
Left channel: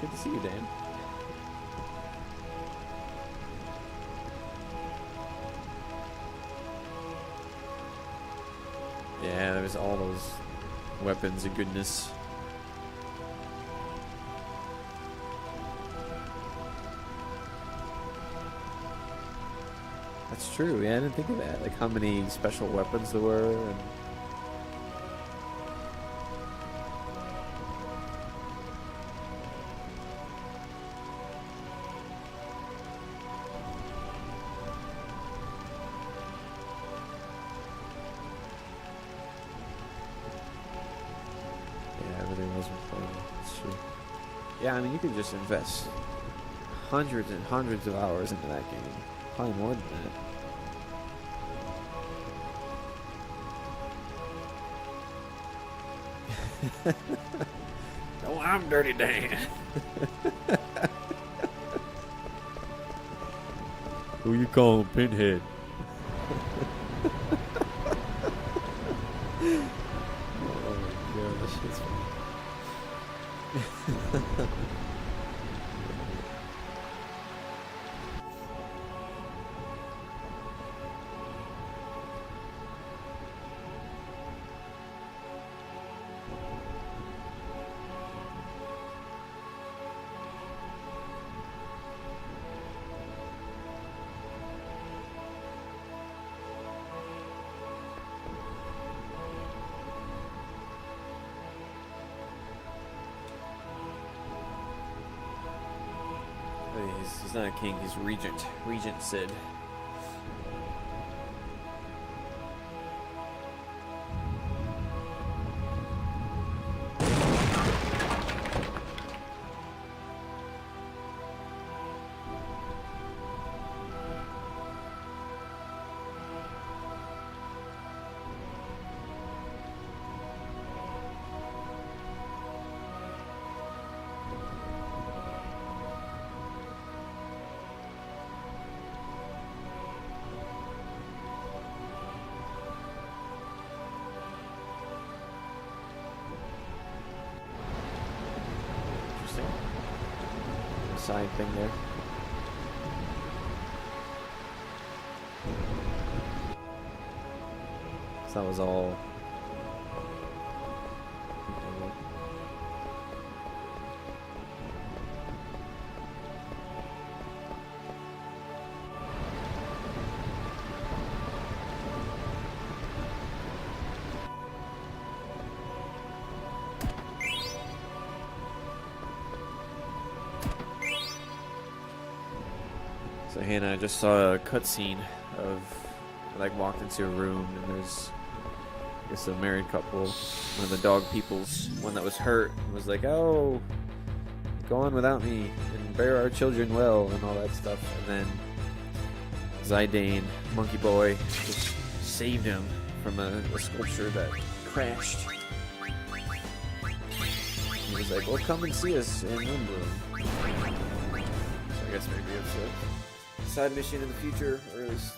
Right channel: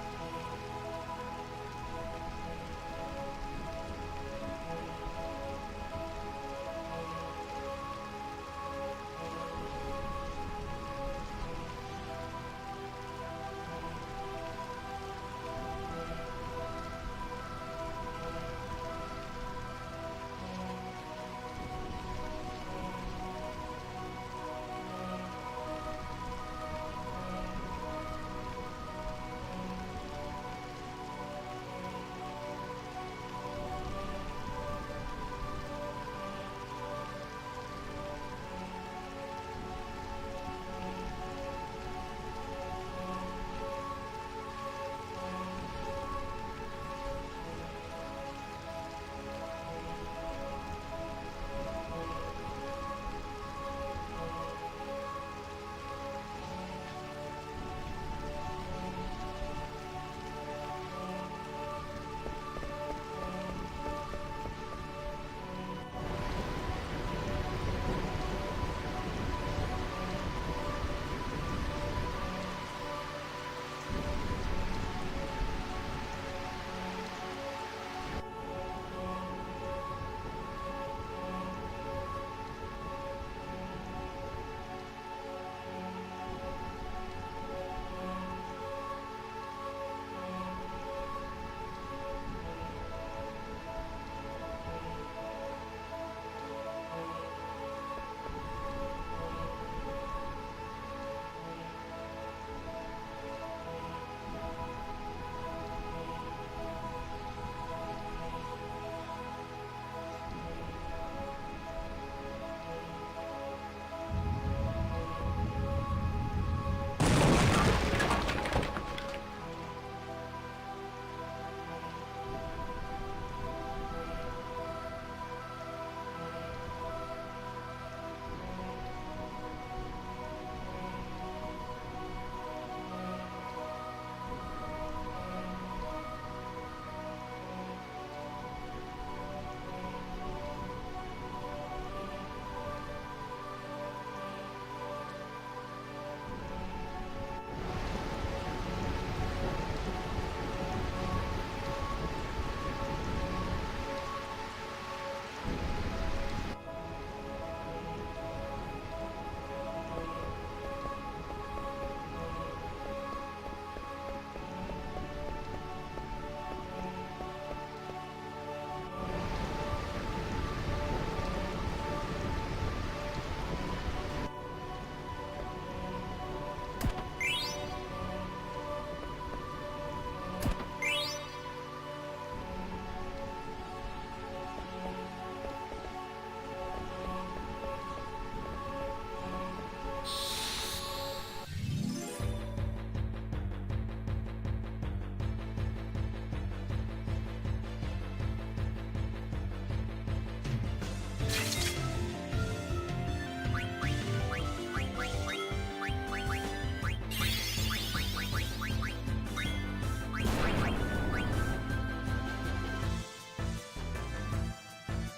Good to see you, Dan. Yeah, there's all those weapons of goodness. That's true, yeah, I didn't think of that. Like how many special weapons there were. Yeah, I mean, you could just invest hundreds and hundreds of hours into that game. Probably more than that. Oh, I'm Dirty Dan. Who you calling Pinhead? He's not a king, he's regent. Regent Sid. Side thing there. So that was all. So Hannah, I just saw a cutscene of like walked into a room and there's I guess a married couple, one of the dog peoples, one that was hurt, was like, "Oh, go on without me and bear our children well," and all that stuff. And then Zidane, Monkey Boy, saved him from a sculpture that crashed. He was like, "Well, come and see us. Remember." So I guess we're good. So side mission in the future, or at least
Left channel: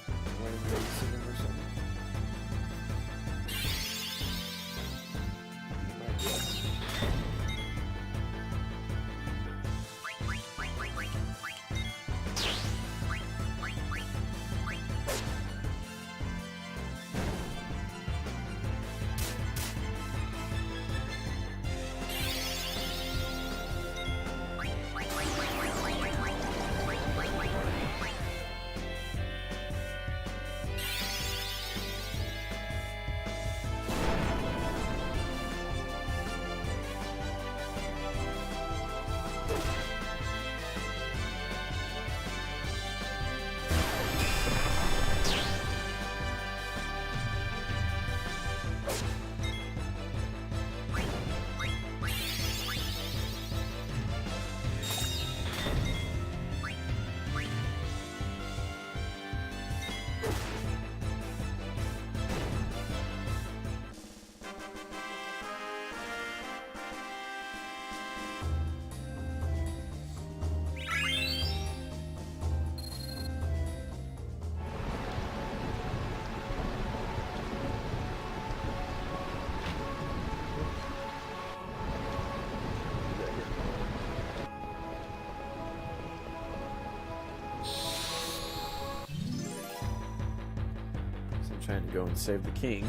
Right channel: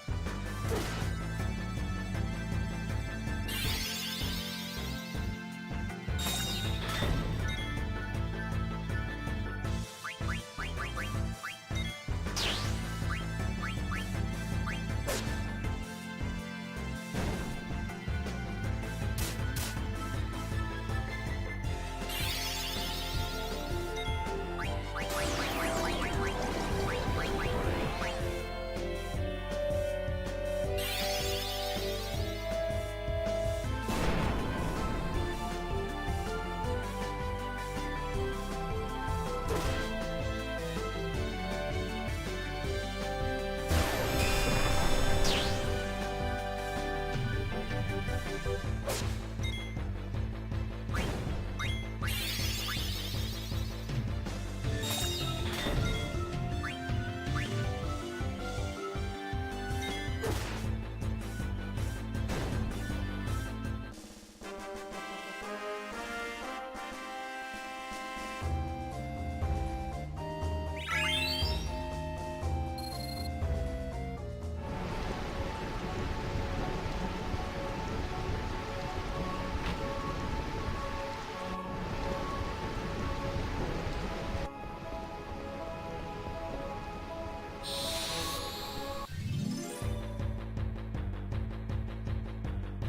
go and save the king.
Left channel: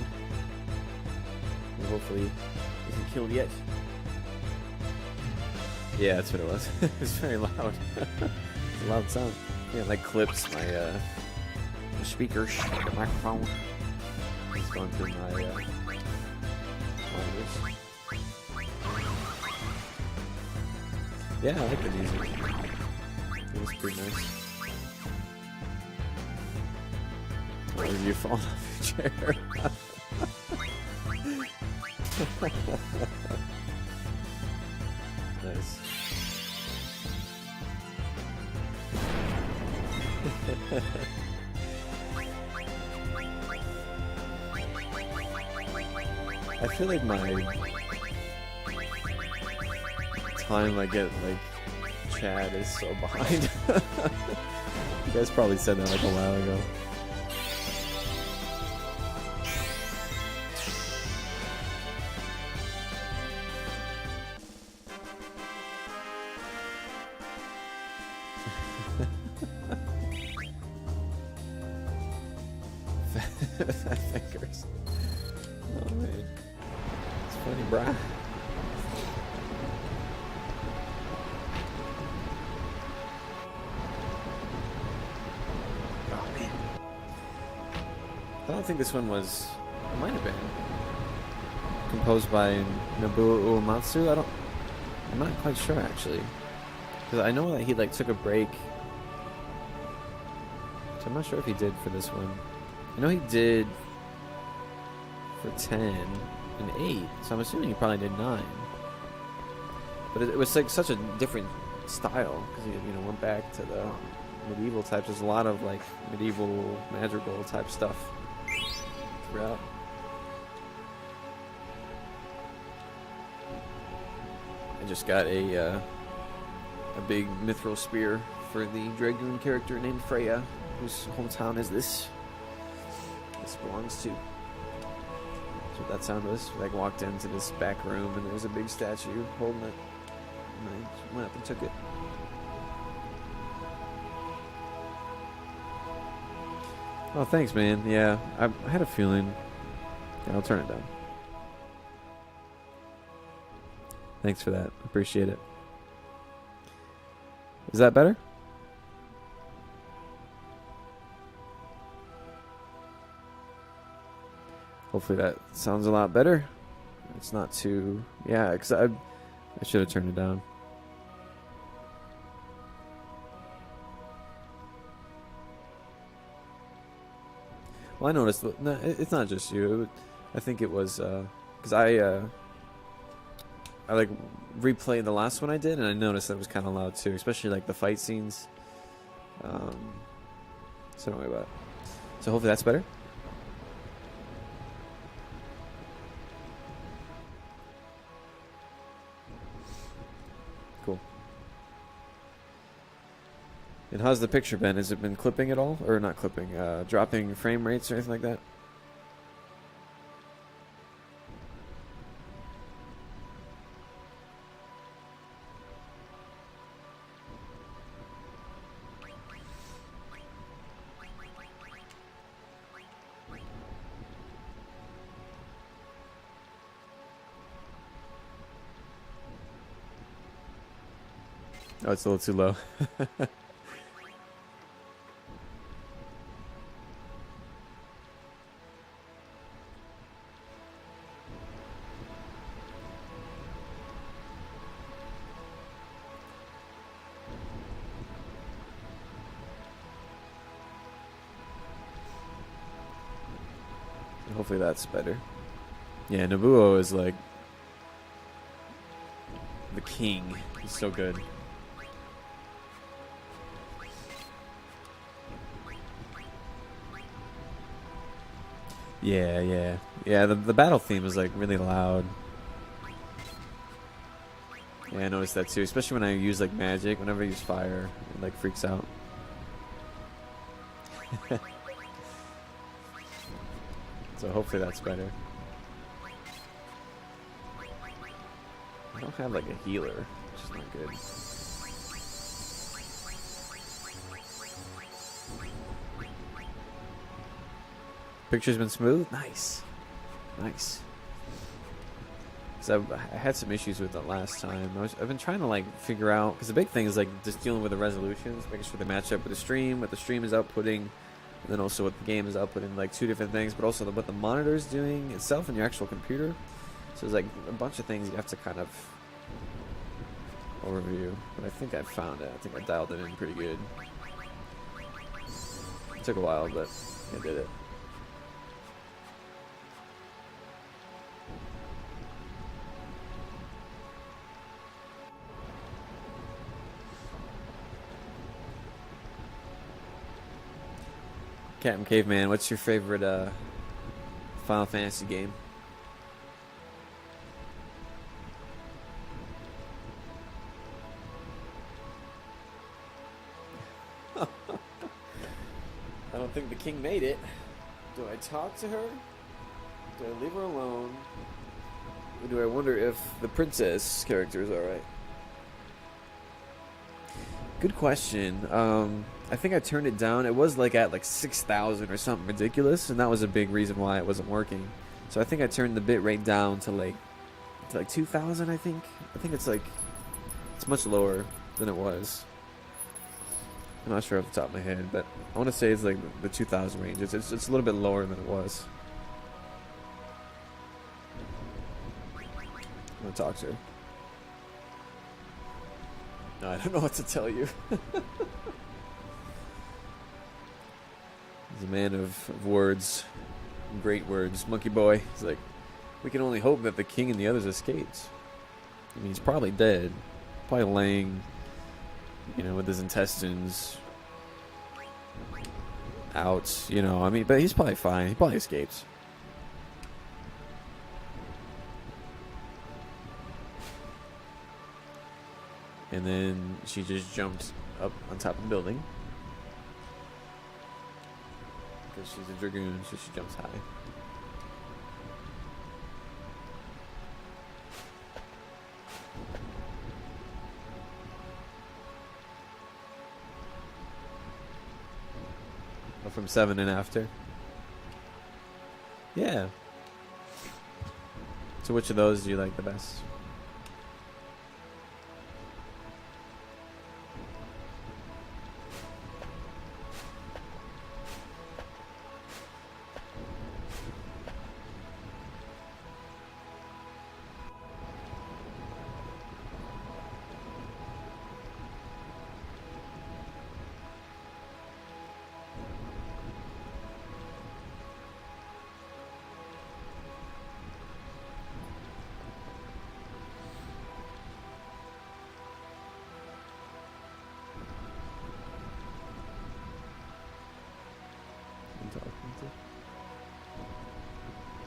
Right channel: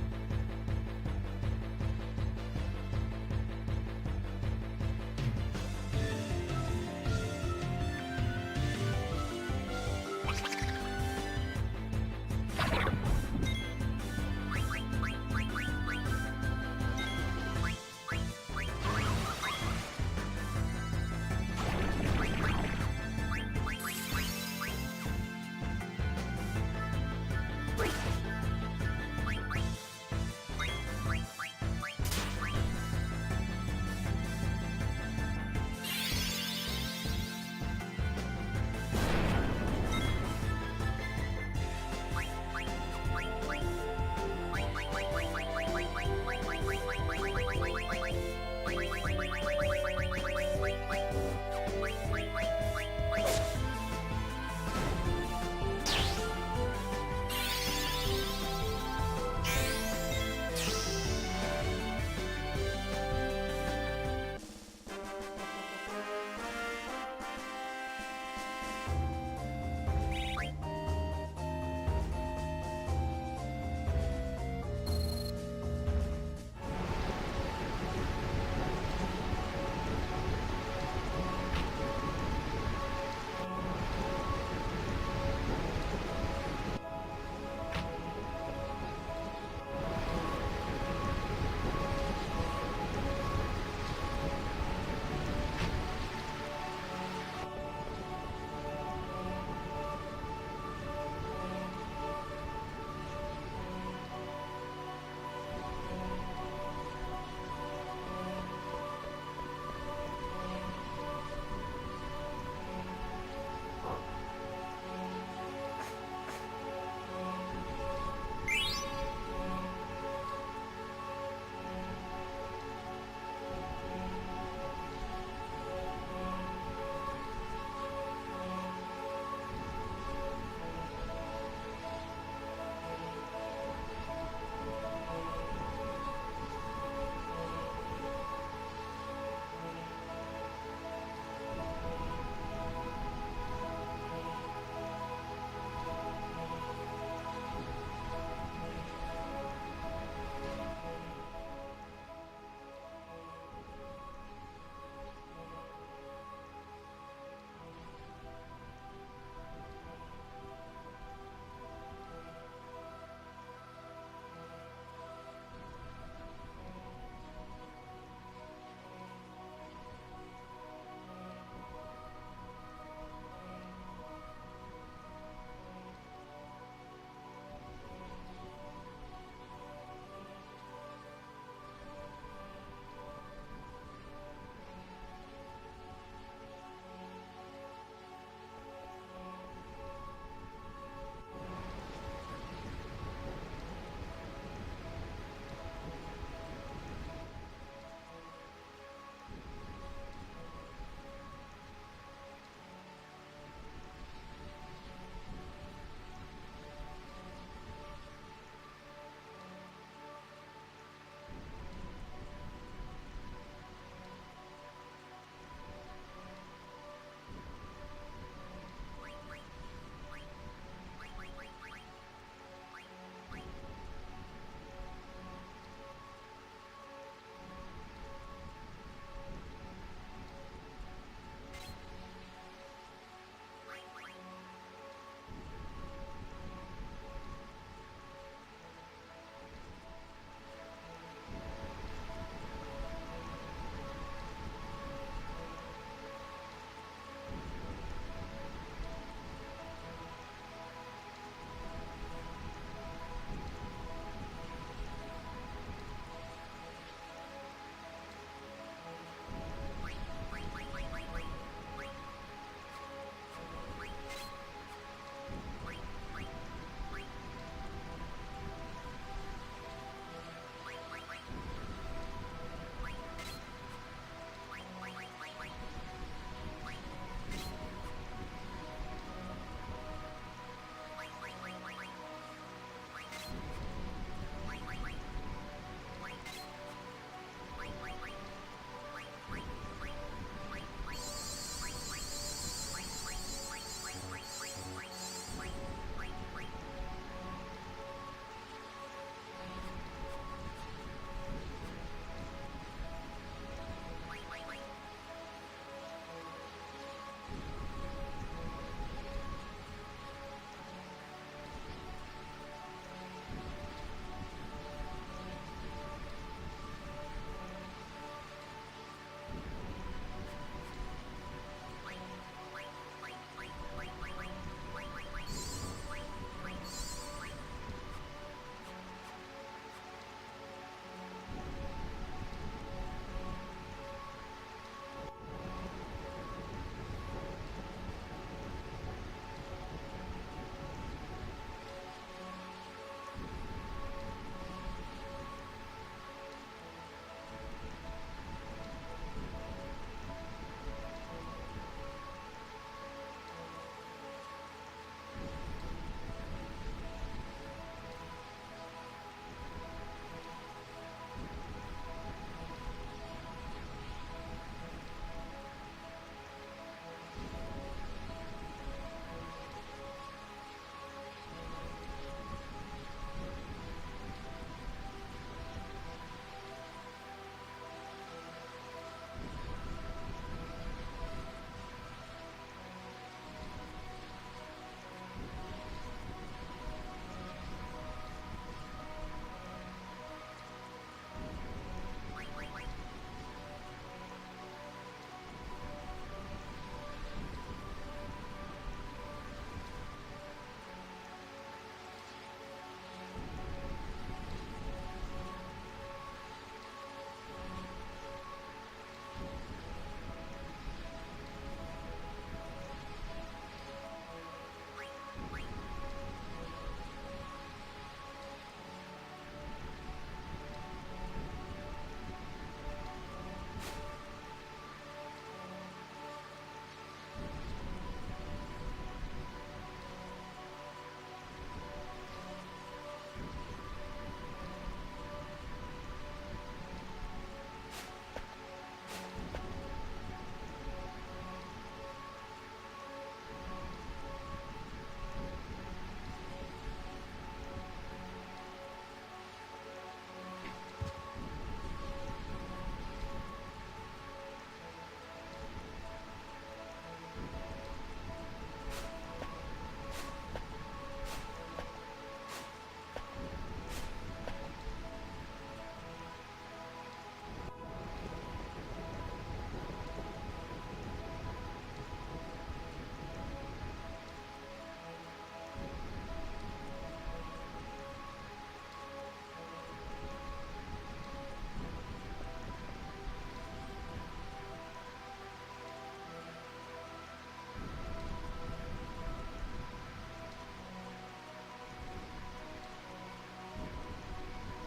Hopefully he isn't killed yet. Yeah, that's what it was. It's very loud. It's a loud sound. Yeah, it like clips my speakers, the microphone. It's going through my yeah, I think it's pretty nice. Where did you fall off the chair? I feel like my time I get like Chad is so behind. You guys probably said that like a while ago. Fingers. It's funny, brah. I don't think this one was. It might have been composed by Nobuo Uematsu. I'm not quite sure actually, because I know that he like took a break So I'm not sure if he did for this one. I know he did for 10 and 8, so I'm assuming he probably did 9. But it was like such a different style, because he went back to the medieval types. There's a lot of like medieval madrigal type stuff throughout. I just got a big mithril spear for the dragoon character named Freya, whose hometown is this belongs to. So that sound was. I walked into this back room and there was a big statue holding it. And I just went up and took it. Oh, thanks, man. Yeah, I had a feeling. Yeah, I'll turn it down. Thanks for that. Appreciate it. Is that better? Hopefully that sounds a lot better. It's not too... Yeah, because I should have turned it down. Well, I noticed... No, it's not just you. I think it was... Because I like replayed the last one I did, and I noticed that was kind of loud too, especially like the fight scenes. So anyway, so hopefully that's better. Cool. And how's the picture been? Has it been clipping at all, or not clipping? Dropping frame rates or anything like that? Oh, it's a little too low. Hopefully that's better. Yeah, Nobuo is like the king. He's so good. Yeah. The battle theme is like really loud. Yeah, I noticed that too, especially when I use like magic. Whenever I use fire, it like freaks out. So hopefully that's better. I don't have like a healer, which is not good. Picture's been smooth? Nice. So I had some issues with it last time. I've been trying to like figure out, because the big thing is like just dealing with the resolutions, making sure they match up with the stream, what the stream is outputting, and then also what the game is outputting, like two different things, but also what the monitor is doing itself in your actual computer. So there's like a bunch of things you have to kind of overview. But I think I found it. I think I dialed it in pretty good. It took a while, but I did it. Captain Caveman, what's your favorite Final Fantasy game? I don't think the king made it. Do I talk to her? Do I leave her alone? Or do I wonder if the princess character is alright? Good question. I think I turned it down. It was like at like 6,000 or something ridiculous, and that was a big reason why it wasn't working. So I think I turned the bit rate down to like 2,000. I think it's like it's much lower than it was. I'm not sure off the top of my head, but I want to say it's like the 2,000 range. It's a little bit lower than it was. I'm gonna talk to her. No, I don't know what to tell you. He's a man of words, great words. Monkey Boy. He's like, we can only hope that the king and the others escaped. I mean, he's probably dead, probably laying, with his intestines out. I mean, but he's probably fine. He probably escaped. And then she just jumps up on top of the building. Because she's a dragoon, so she jumps high. Or from 7 and after. Yeah. So which of those do you like the best?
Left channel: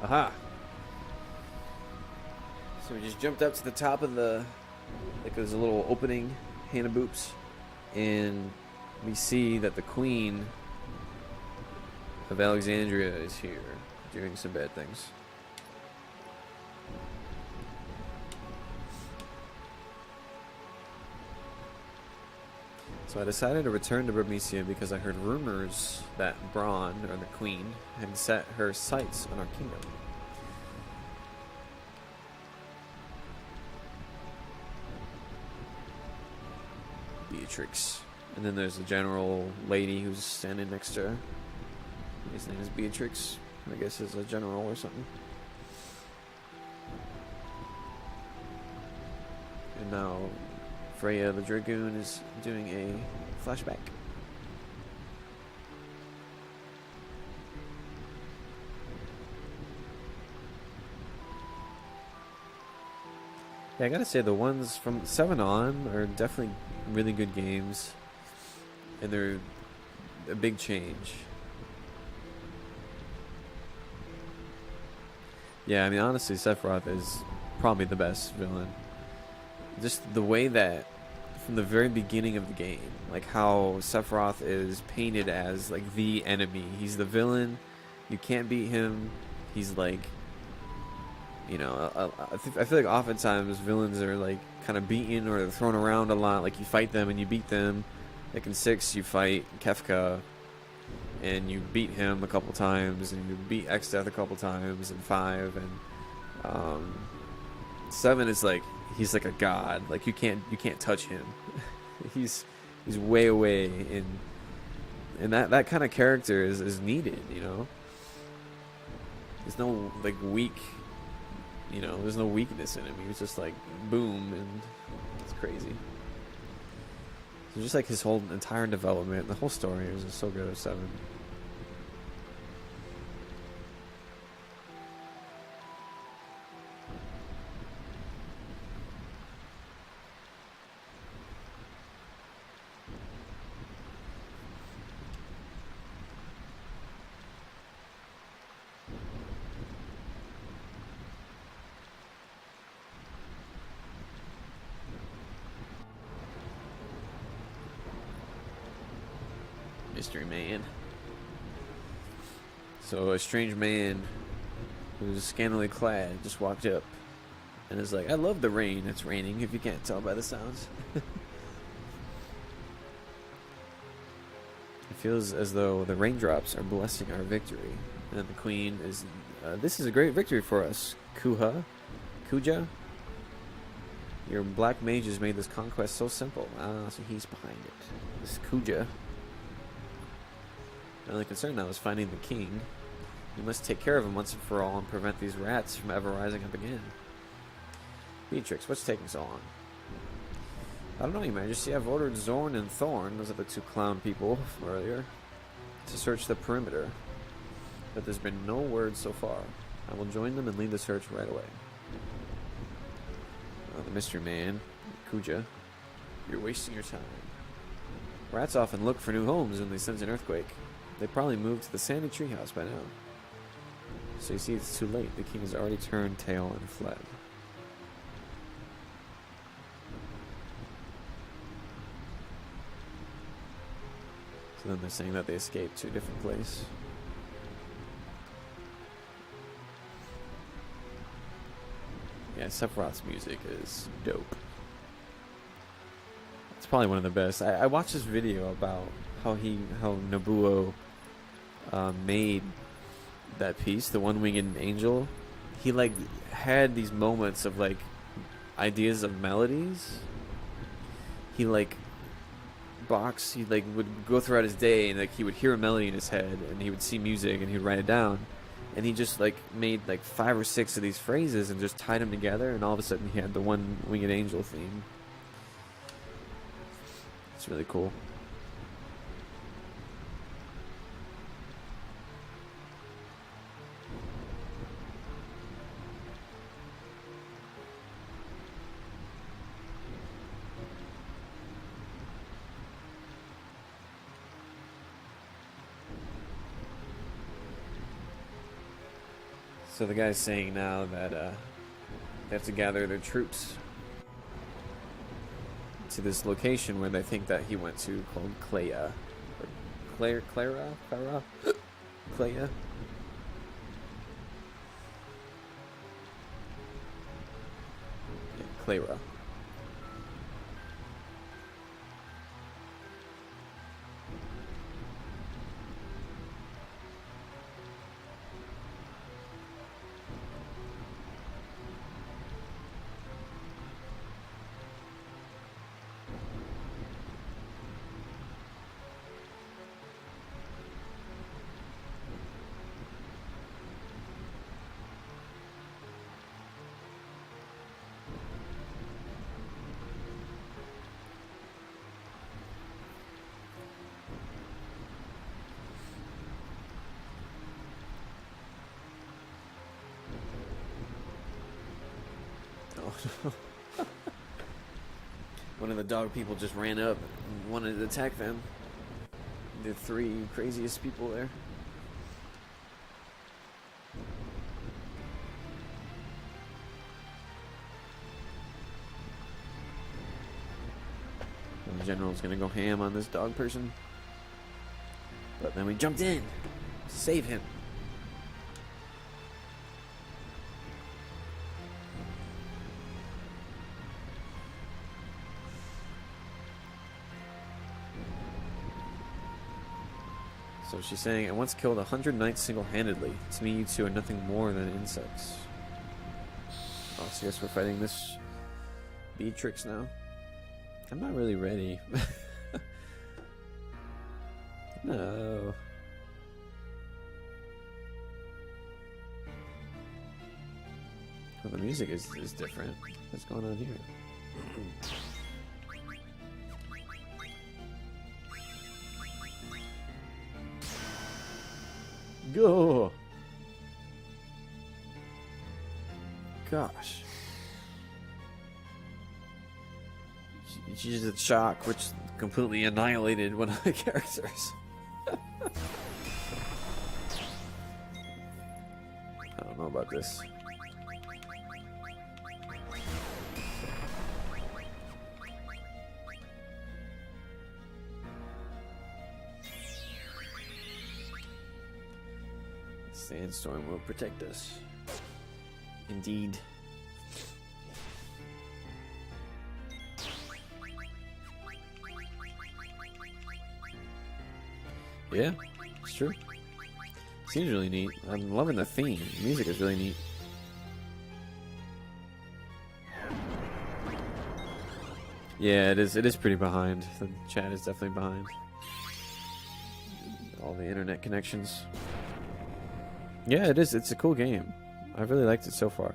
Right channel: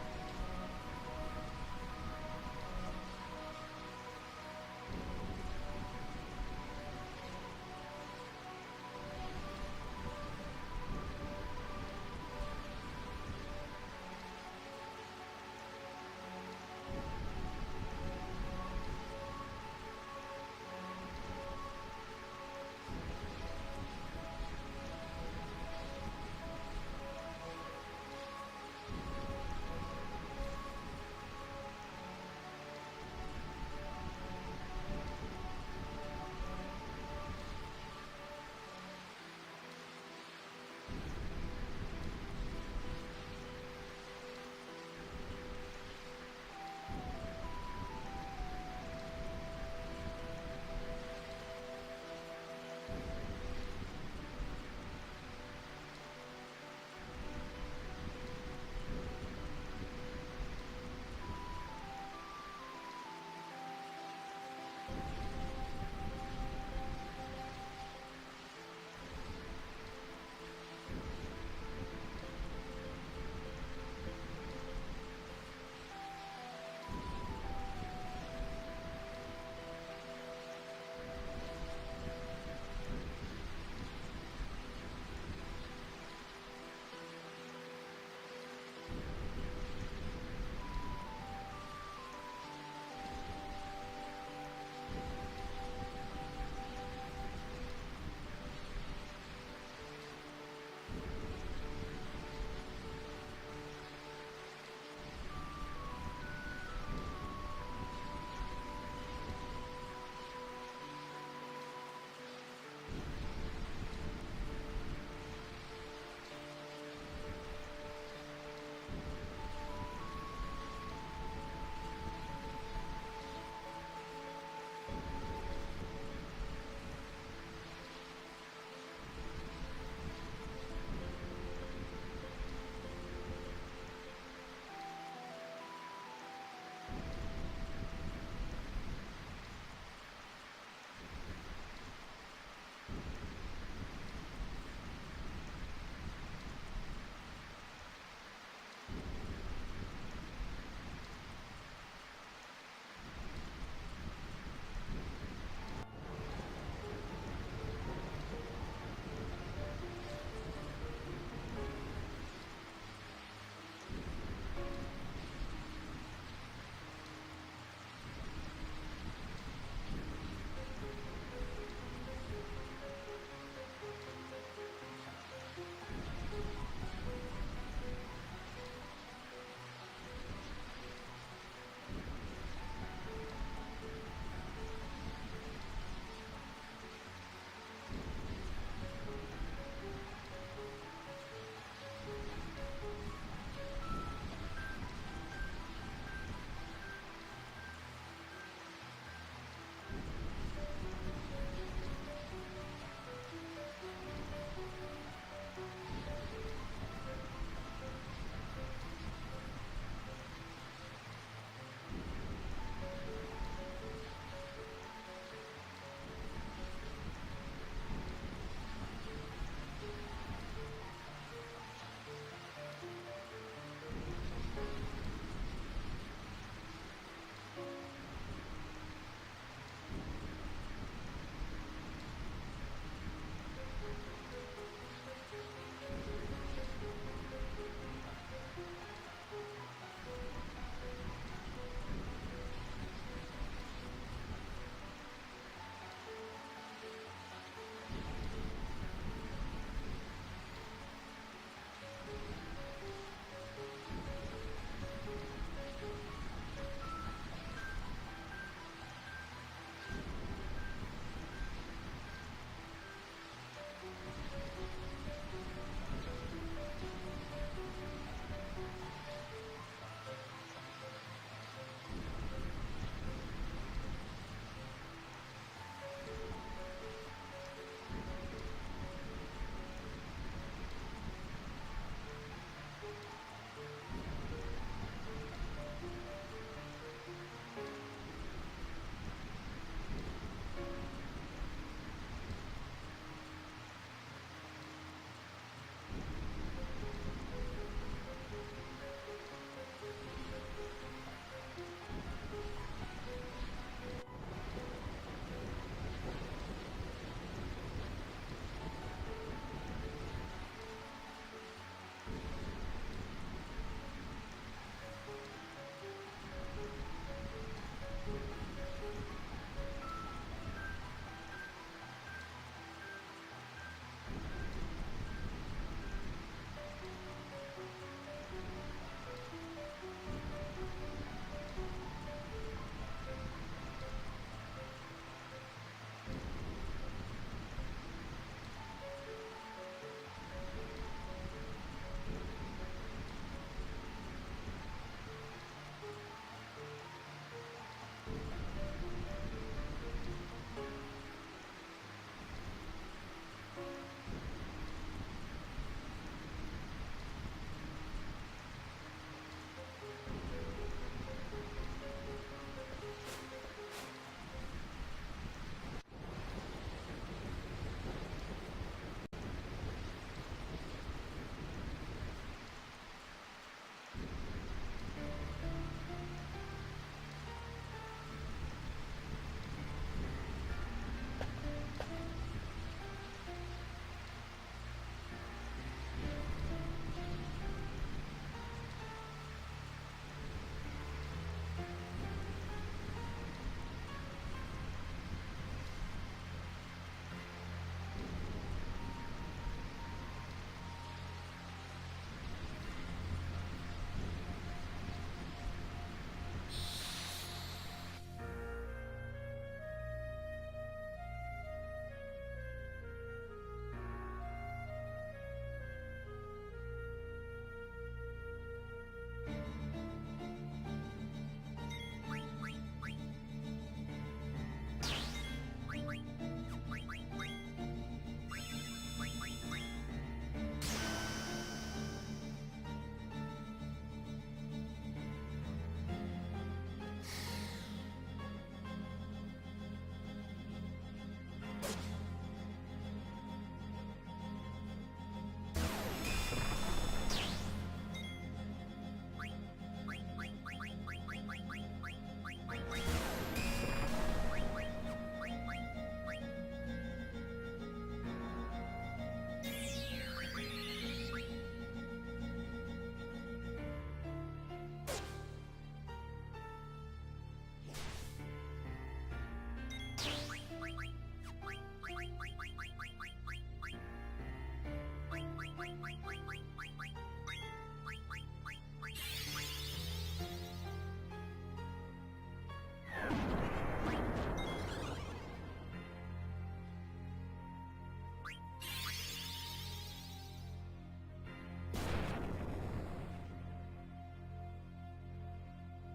Aha! So we just jumped up to the top of there's a little opening, Hannah Boops, and we see that the Queen of Alexandria is here, doing some bad things. So I decided to return to Burmecia because I heard rumors that Braun, or the Queen, had set her sights on our kingdom. Beatrix. And then there's a general lady who's standing next to her. His name is Beatrix. I guess is a general or something. And now Freya the Dragoon is doing a flashback. Yeah, I gotta say the ones from 7 on are definitely really good games, and they're a big change. Yeah, I mean honestly, Sephiroth is probably the best villain. Just the way that from the very beginning of the game, like how Sephiroth is painted as like the enemy. He's the villain. You can't beat him. He's like, I feel like oftentimes villains are like kind of beaten or they're thrown around a lot. Like you fight them and you beat them. Like in 6, you fight Kefka and you beat him a couple times, and you beat Exdeath a couple times, and 5 and 7 is like he's like a god. Like you can't touch him. he's way away, and that kind of character is needed. There's no like weak. There's no weakness in him. He's just like boom, and it's crazy. So just like his whole entire development, the whole story was just so good of 7. Mystery man. So a strange man who was scantily clad just walked up and is like, I love the rain. It's raining, if you can't tell by the sounds. It feels as though the raindrops are blessing our victory. And the queen is, this is a great victory for us. Kuja? Your black mages made this conquest so simple. So he's behind it. This Kuja. My only concern now is finding the king. We must take care of him once and for all and prevent these rats from ever rising up again. Beatrix, what's taking so long? I don't know, Your Majesty. I've ordered Zorn and Thorn. Those are the 2 clown people earlier. to search the perimeter, but there's been no word so far. I will join them and lead the search right away. Mystery Man, Kuja, you're wasting your time. Rats often look for new homes when they sense an earthquake. They probably moved to the sandy treehouse by now. So you see, it's too late. The king has already turned tail and fled. So then they're saying that they escaped to a different place. Yeah, Sephiroth's music is dope. It's probably one of the best. I watched this video about how Nobuo made that piece, the One-Winged Angel. He like had these moments of like ideas of melodies. He like would go throughout his day and like he would hear a melody in his head and he would see music and he would write it down. And he just like made like 5 or 6 of these phrases and just tied them together, and all of a sudden he had the One-Winged Angel theme. It's really cool. So the guy's saying now that they have to gather their troops to this location where they think that he went to, called Clea. Clara? Clea? Clara. One of the dog people just ran up and wanted to attack them. The 3 craziest people there. And the general's gonna go ham on this dog person. But then we jumped in to save him. So she's saying, I once killed 100 knights single-handedly. To me, you two are nothing more than insects. Oh, so yes, we're fighting this Beatrix now. I'm not really ready. No. Well, the music is different. What's going on here? Go! Gosh. She used a shock, which completely annihilated one of the characters. I don't know about this. Sandstorm will protect us. Indeed. Yeah, it's true. Seems really neat. I'm loving the theme. The music is really neat. Yeah, it is pretty behind. The chat is definitely behind. All the internet connections. Yeah, it is. It's a cool game. I really liked it so far.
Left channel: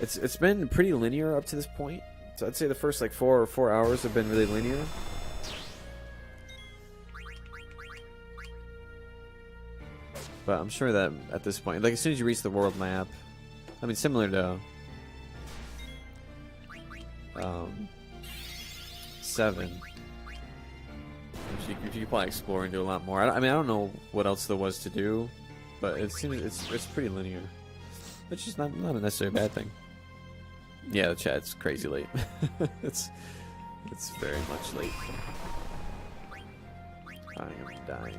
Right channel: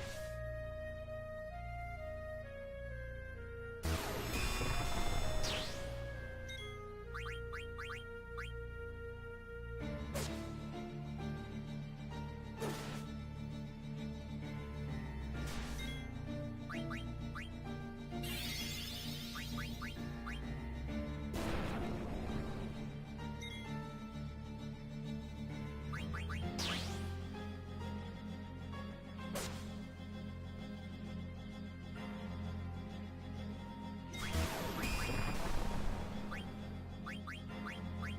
It's been pretty linear up to this point. So I'd say the first like 4 hours have been really linear. But I'm sure that at this point, like as soon as you reach the world map, I mean similar to 7, you probably explore and do a lot more. I mean I don't know what else there was to do, but it seems it's pretty linear, which is not a necessarily bad thing. Yeah, the chat's crazy late. it's very much late. I'm dying.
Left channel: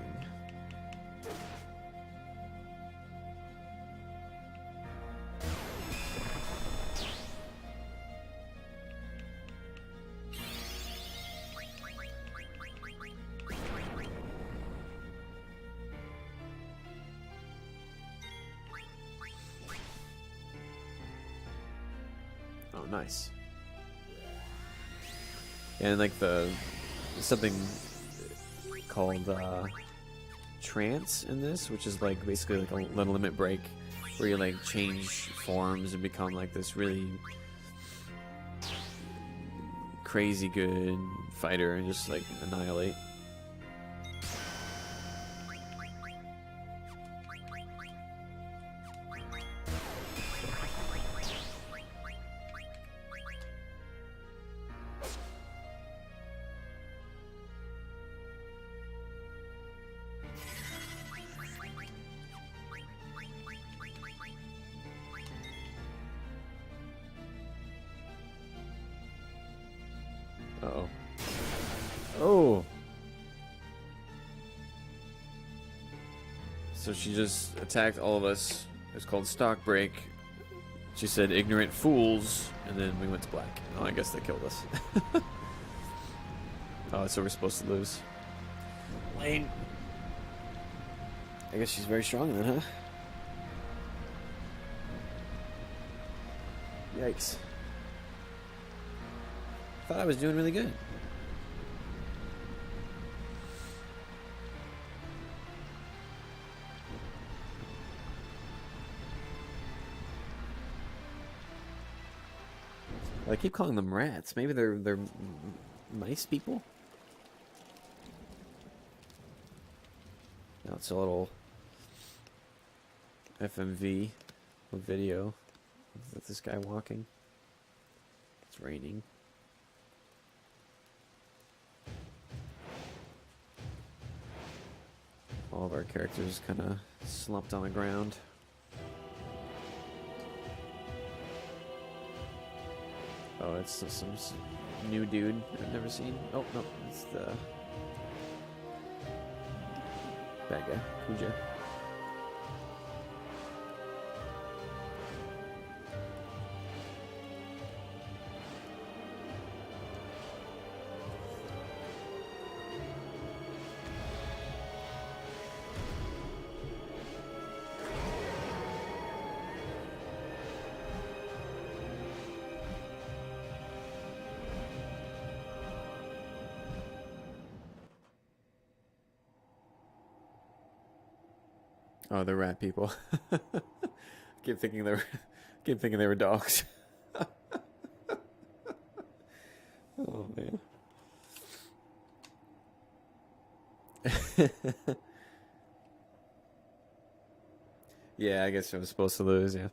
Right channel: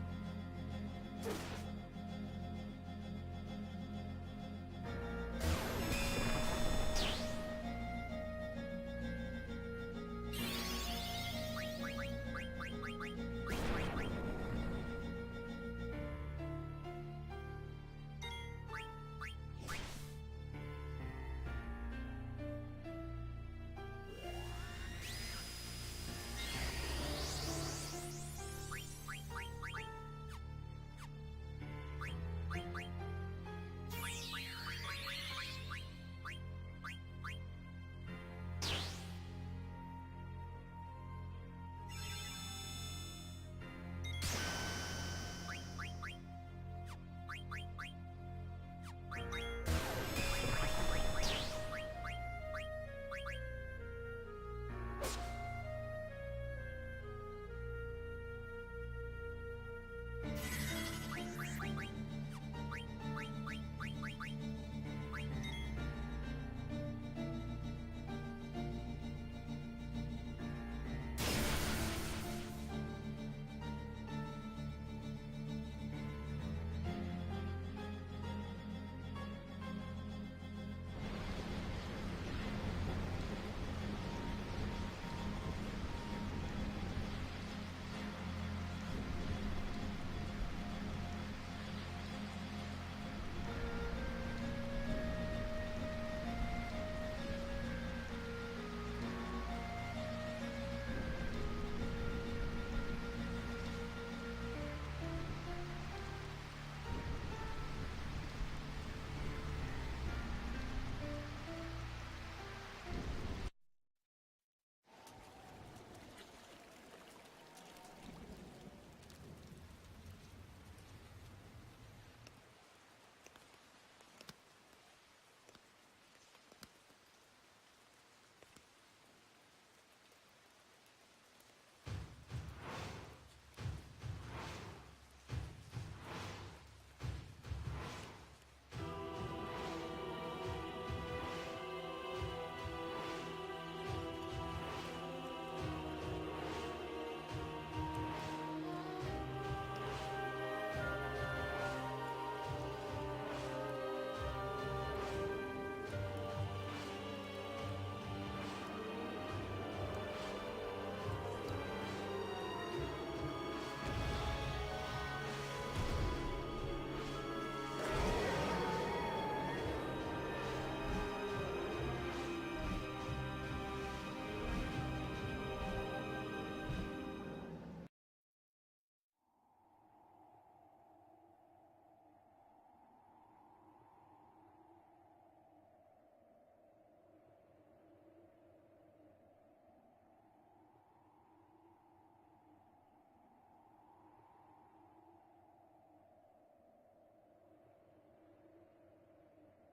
Oh, nice. And like something called trance in this, which is like basically like a limit break where you like change forms and become like this really crazy good fighter and just like annihilate. Oh. So she just attacked all of us. It's called Stock Break. She said ignorant fools, and then we went to black. Oh, I guess they killed us. Oh, so we're supposed to lose. Lane. I guess she's very strong then, huh? Yikes. Thought I was doing really good. I keep calling them rats. Maybe they're nice people. Now it's a little FMV video of this guy walking. It's raining. All of our characters kind of slumped on the ground. Oh, it's just some new dude I've never seen. Oh, no, it's that guy, Puja. Oh, the rat people. keep thinking they were dogs. Oh man. Yeah, I guess I was supposed to lose, yeah.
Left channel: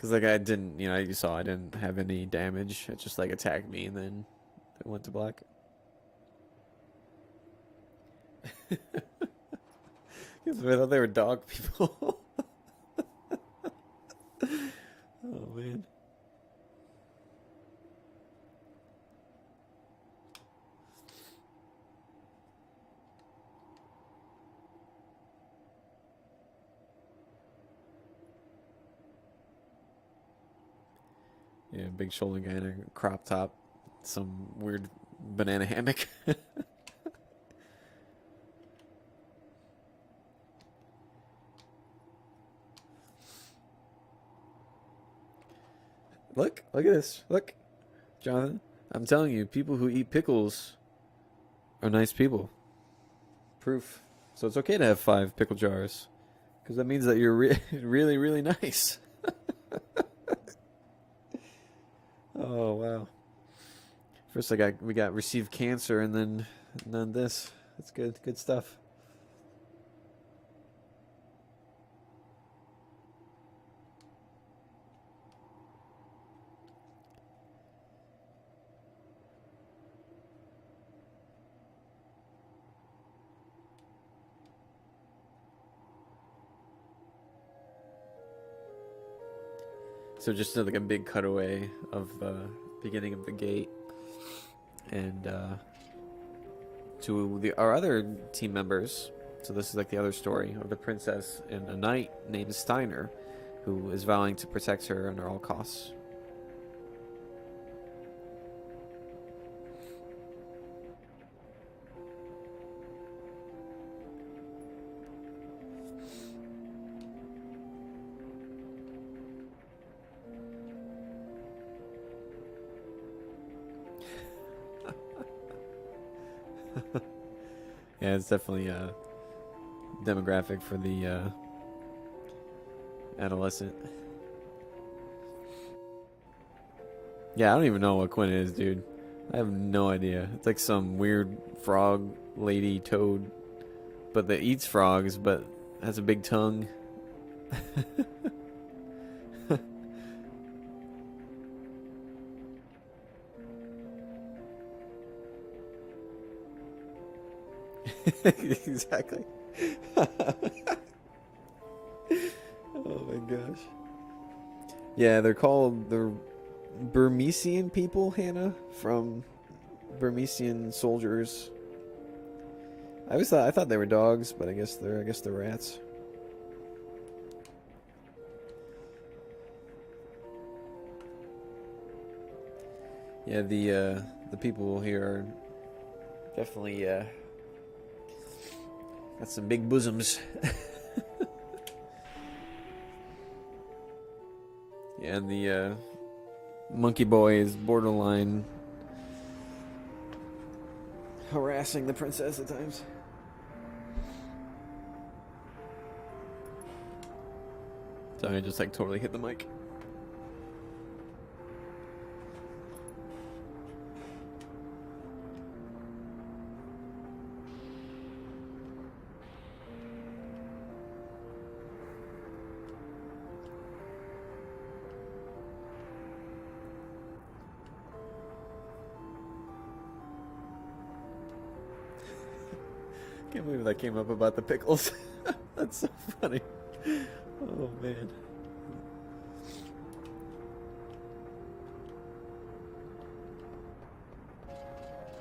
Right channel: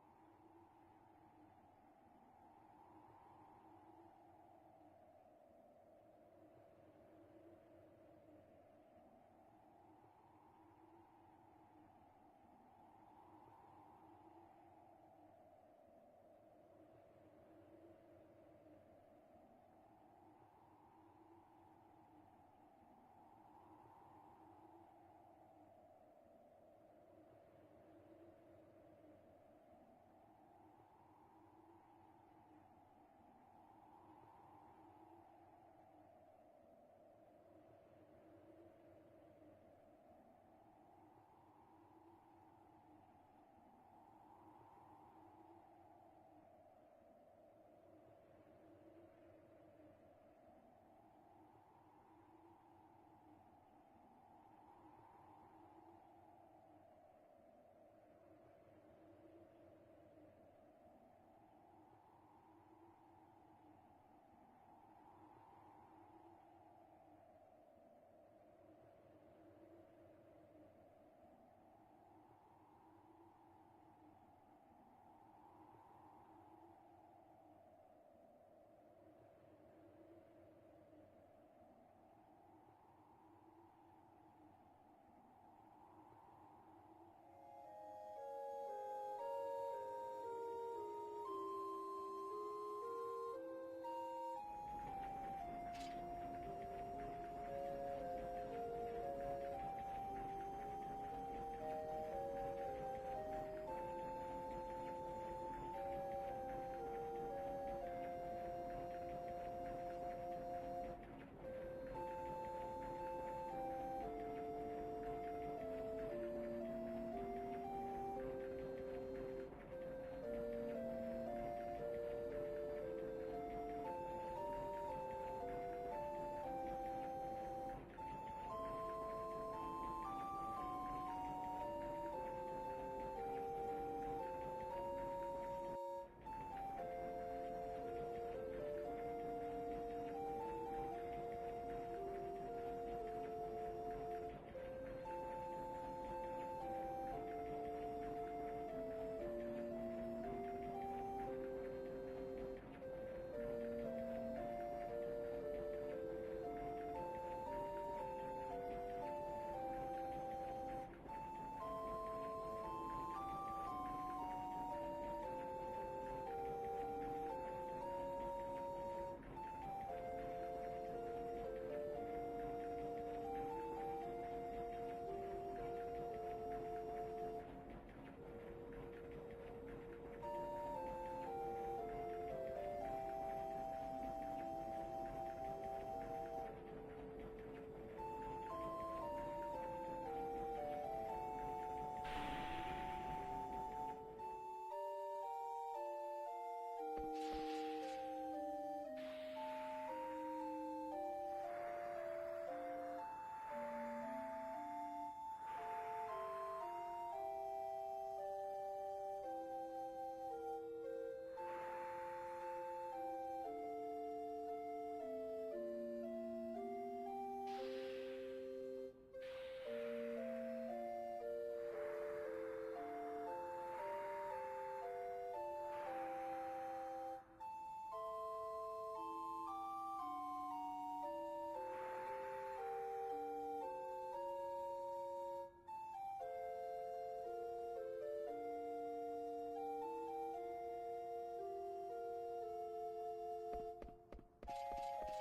Cause like I didn't, you saw I didn't have any damage. It just like attacked me and then it went to black. I thought they were dog people. Oh man. Yeah, big shoulder guy in a crop top, some weird banana hammock. Look at this. Look, Jonathan. I'm telling you, people who eat pickles are nice people. Proof. So it's okay to have 5 pickle jars, because that means that you're really, really nice. Oh wow. First we got received cancer, and then this. That's good stuff. So just like a big cutaway of the beginning of the gate, and to our other team members. So this is like the other story of the princess and a knight named Steiner, who is vowing to protect her under all costs. Yeah, it's definitely a demographic for the adolescent. Yeah, I don't even know what Quinn is, dude. I have no idea. It's like some weird frog lady toad, but that eats frogs, but has a big tongue. Exactly. Oh my gosh. Yeah, they're called the Burmesian people, Hannah, from Burmesian soldiers. I thought they were dogs, but I guess they're rats. Yeah, the people here are definitely got some big bosoms. Yeah, and the monkey boy is borderline harassing the princess at times. So I just like totally hit the mic. Can't believe that came up about the pickles. That's so funny. Oh man.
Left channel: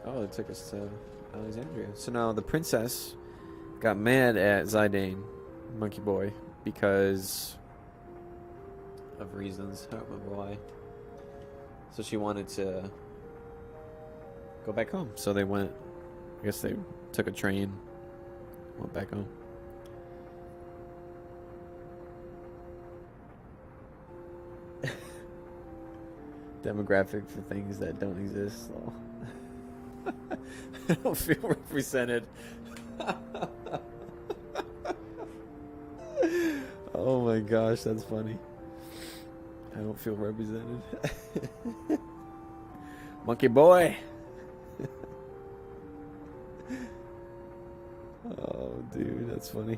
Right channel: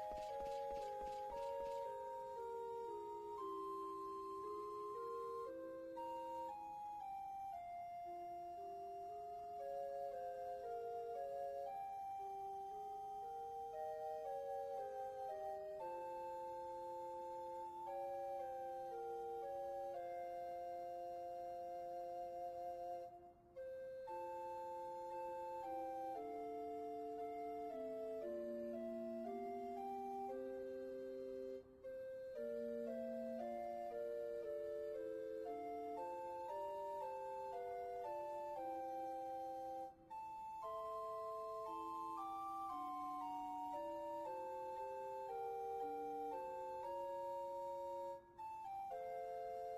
Oh, it took us to Alexandria. So now the princess got mad at Zidane, Monkey Boy, because of reasons. I don't remember why. So she wanted to go back home. So they went, I guess they took a train, went back home. Demographic for things that don't exist. So. I don't feel represented. Oh my gosh, that's funny. I don't feel represented. Monkey boy. Oh, dude, that's funny.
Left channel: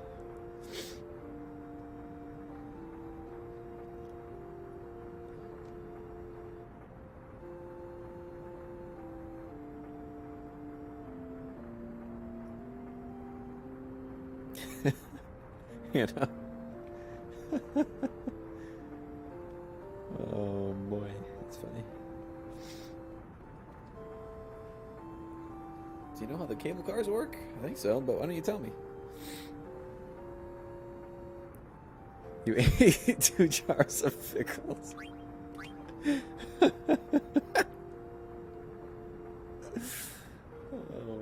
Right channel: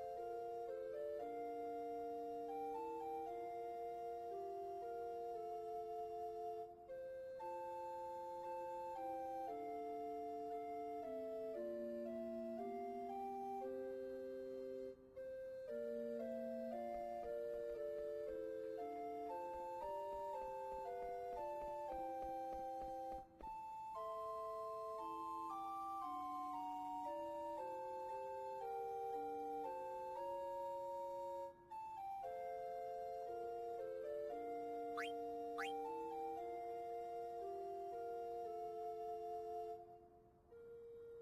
You know? Oh boy, it's funny. Do you know how the cable cars work? I think so, but why don't you tell me? You ate 2 jars of pickles. Oh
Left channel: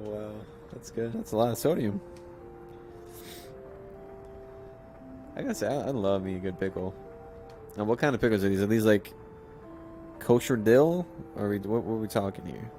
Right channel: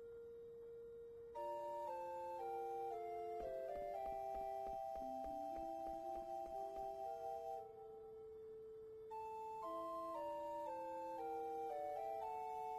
wow, that's good. That's a lot of sodium. I gotta say, I love me a good pickle. Now, what kind of pickles are these? Are these like kosher dill, or what are we talking here?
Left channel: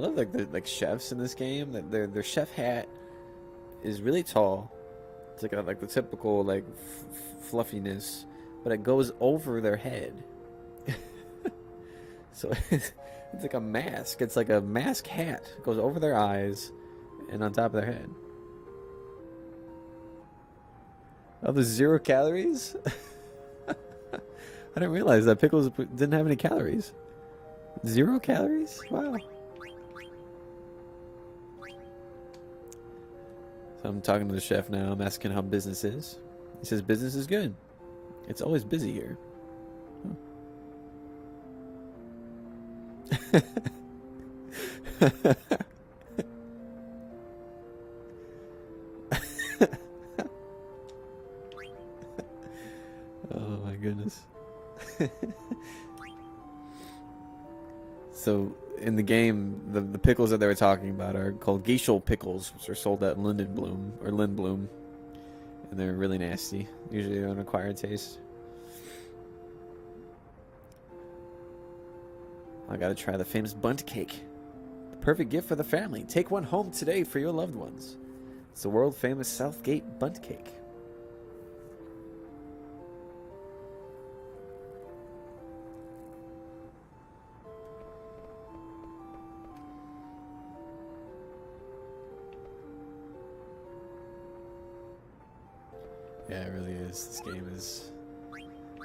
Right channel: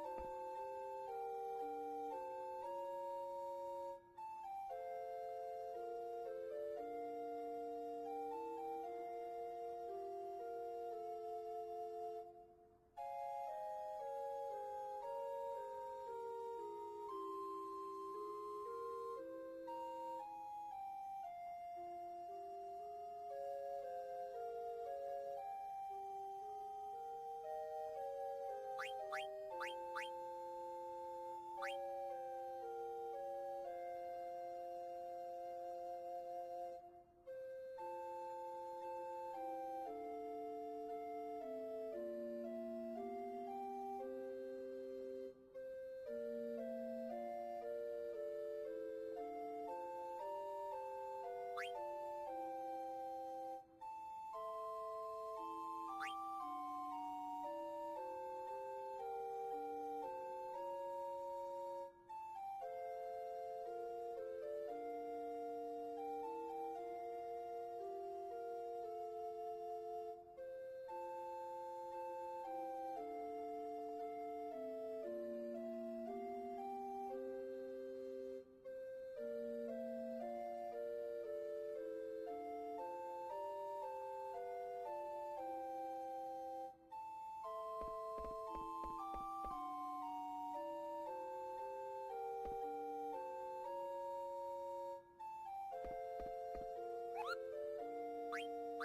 I love like the chefs in this game. That their chef hat is really tall. It's like the typical like fluffiness, but it goes over their head. So it's like a mask. It's like a mask hat. It goes over their eyes and on top of their head. Oh, there's 0 calories? I didn't realize that pickles didn't have any calories. 0 calories? Wow. So I'm talking to the chef now. I'm asking how business is. He says business is good. It's always busy here. Oh my goodness. So in the game, the pickles that they were talking about are called Geishel pickles, which are sold at Lindblom, and they're really nasty. Usually an acquired taste. I gotta try the famous Bundt cake. The perfect gift for the family. Take one home today for your loved ones. It's the world famous Southgate Bundt cake. Yeah, it really is. This game is...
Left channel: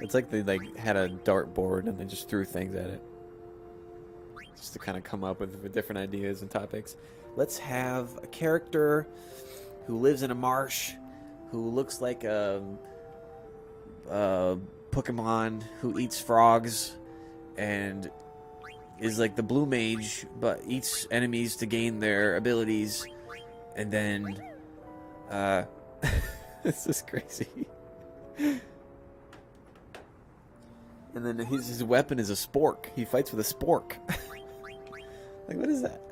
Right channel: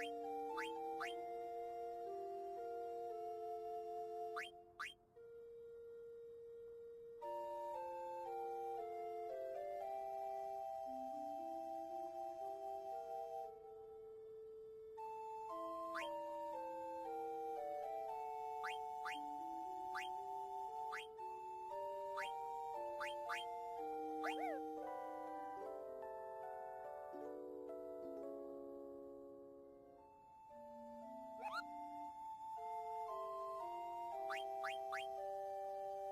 It's like they had a dartboard and they just threw things at it. Just to kind of come up with different ideas and topics. Let's have a character who lives in a marsh, who looks like a Pokemon who eats frogs and is like the blue mage, but eats enemies to gain their abilities. And then, this is crazy. And then his weapon is a spork. He fights with a spork. Like, what is that?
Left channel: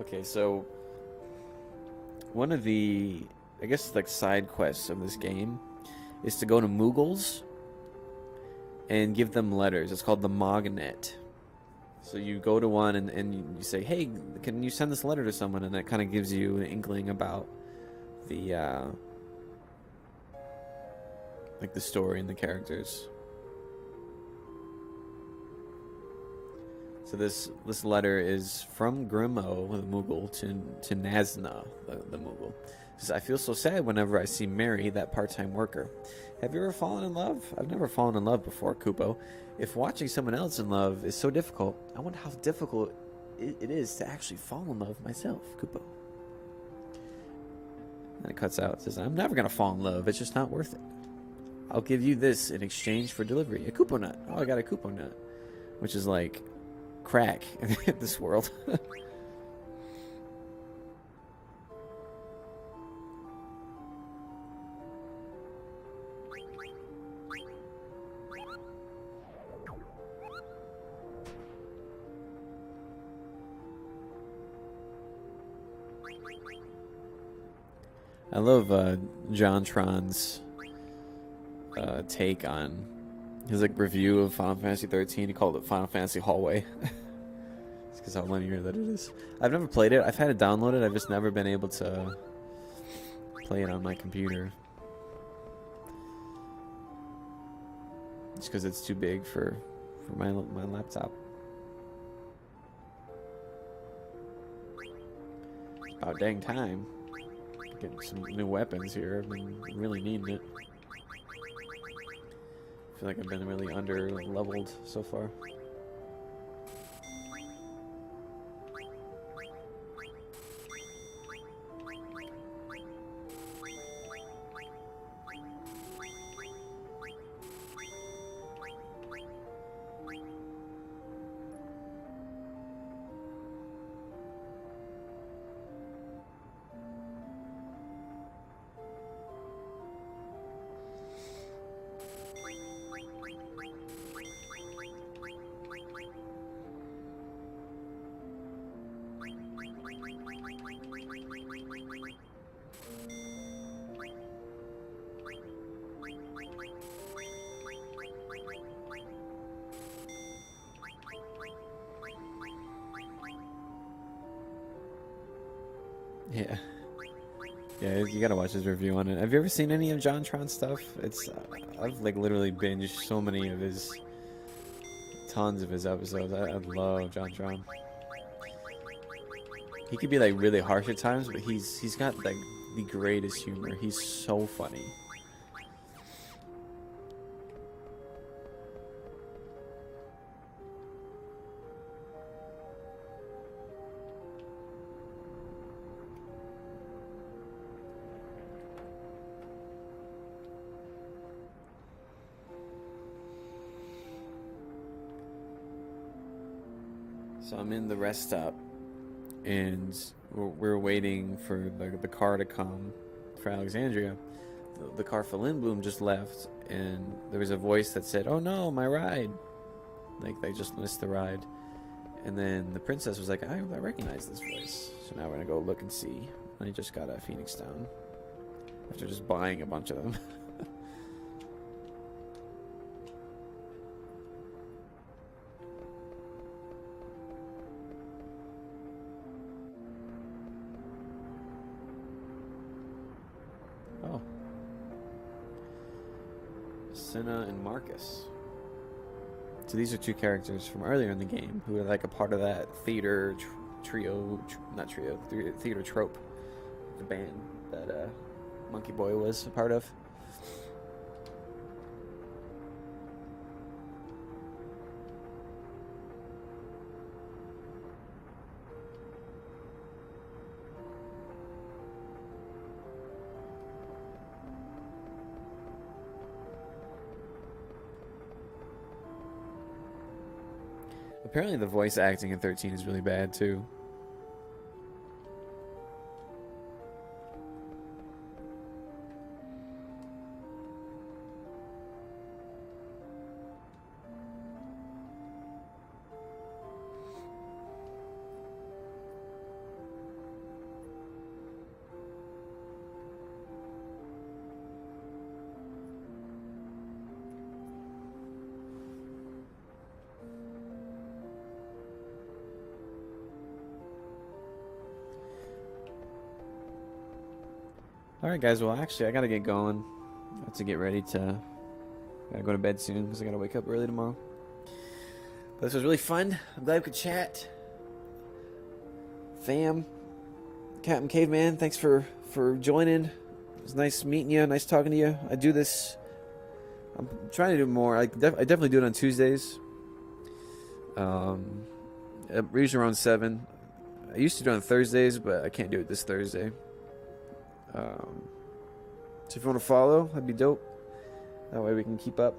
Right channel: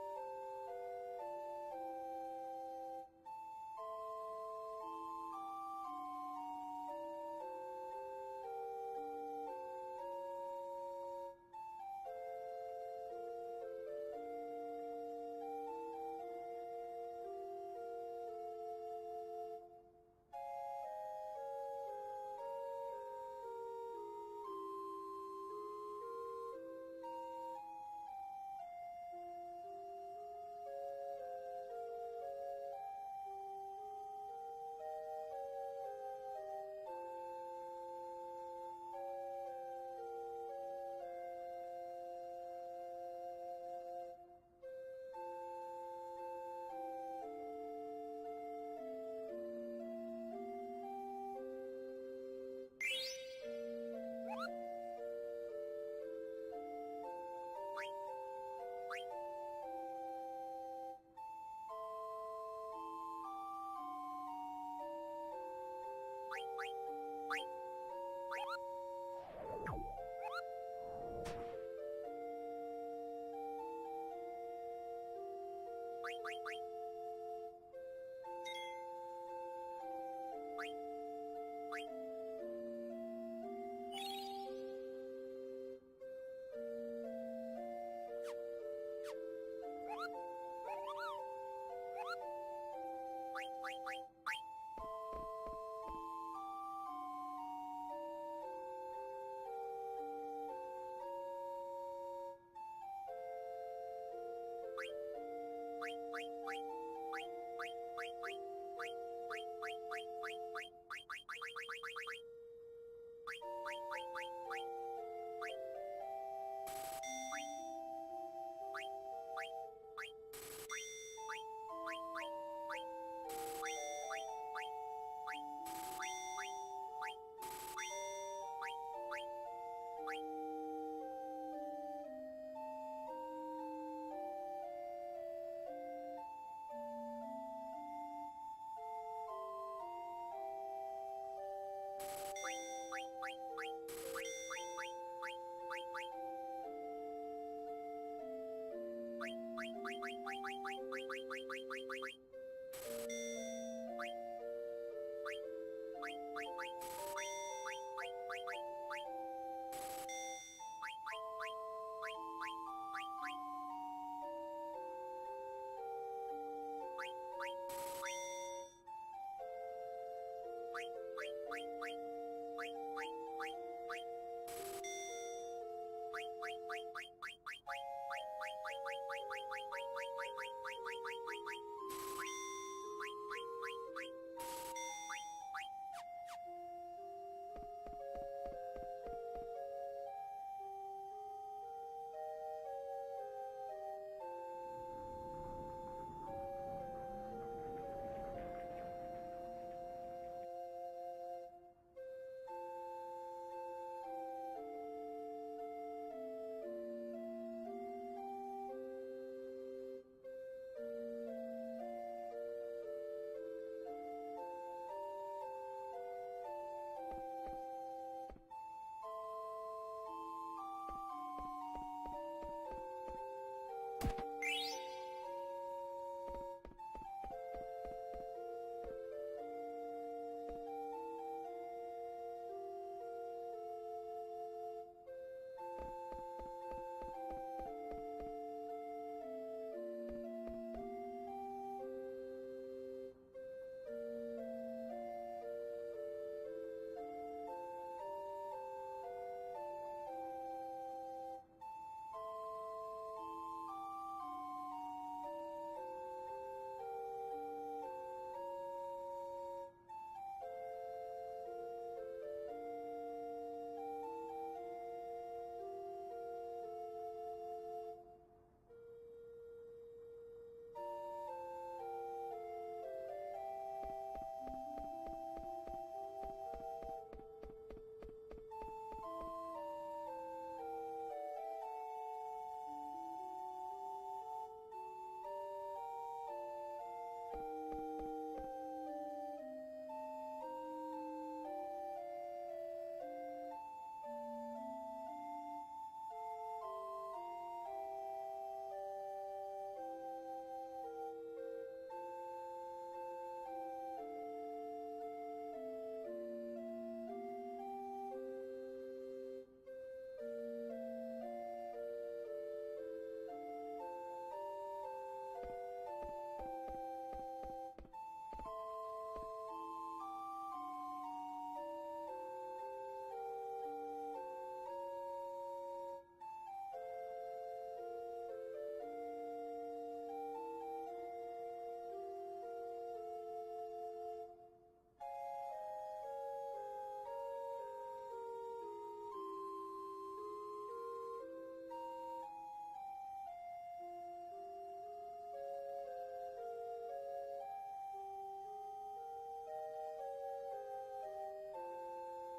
Okay, so one of the, I guess, like side quests of this game is to go to Moogles and give them letters. It's called the Mognet. So you go to one and you say, hey, can you send this letter to someone? And that kind of gives you an inkling about the like the story and the characters. So this letter is from Grimo, the Moogle, to Nazna, the Moogle. It says, I feel so sad whenever I see Mary, that part-time worker. Have you ever fallen in love? I've never fallen in love before, Kupo. If watching someone else in love is so difficult, I wonder how difficult it is to actually fall in love myself, Kupo. And it cuts out. It says, I'm never going to fall in love. It's just not worth it. I'll give you this in exchange for delivery. A Kupo nut. Oh, I got a Kupo nut. Which is like crack in this world. I love JonTron's take on his like review of Final Fantasy 13. He called it Final Fantasy Hallway. It's because how linear that it is. I've never played it. I've had it downloaded. I've just never been able to play it on my computer. Just because it's too big for my laptop. About dang time. Getting some new weapons here. I've been really needing it. I feel like I've been really under leveled so far. Yeah. Yeah, you gotta watch his review on it. Have you ever seen any of JonTron's stuff? It's I've like literally binged so many of his, tons of his episodes. I love JonTron. He could be like really harsh at times, but he's got like the greatest humor. He's so funny. So I'm in the rest stop, and we're waiting for the car to come for Alexandria. The car for Lindblom just left, and there was a voice that said, "Oh no, my ride!" Like they just missed the ride. And then the princess was like, "I recognize this voice." So now we're gonna go look and see. I just got a Phoenix Down after just buying a bunch of them. Senna and Marcus. So these are two characters from earlier in the game who are like a part of that theater theater trope, the band that Monkey Boy was a part of. Apparently the voice acting in 13 is really bad too. Alright guys, well actually I gotta get going. I have to get ready to gotta go to bed soon because I gotta wake up early tomorrow. But this was really fun. I'm glad we could chat. Fam, Captain Caveman, thanks for joining. It was nice meeting you, nice talking to you. I do this, I'm trying to do more. I definitely do it on Tuesdays. Usually around 7. I used to do it on Thursdays, but I can't do it this Thursday. So if you want to follow, that'd be dope. That way we can keep up.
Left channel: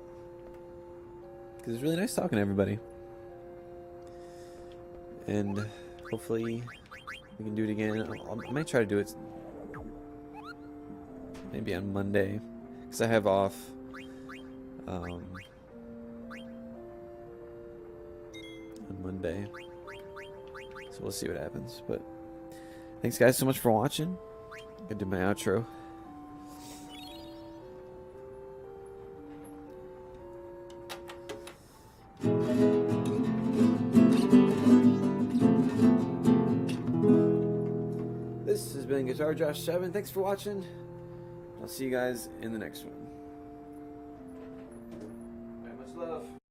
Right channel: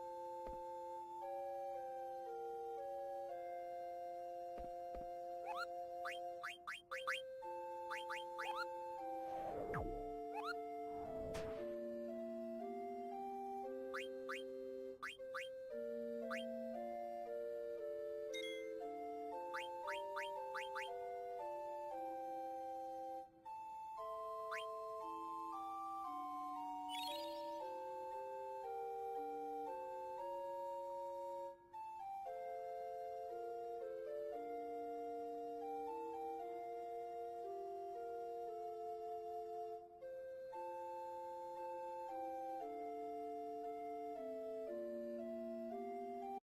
Because it's really nice talking to everybody. And hopefully we can do it again. I might try to do it maybe on Monday. Because I have off. On Monday. So we'll see what happens. But thanks guys so much for watching. I do my outro. This has been Guitar Josh 7. Thanks for watching. I'll see you guys in the next one.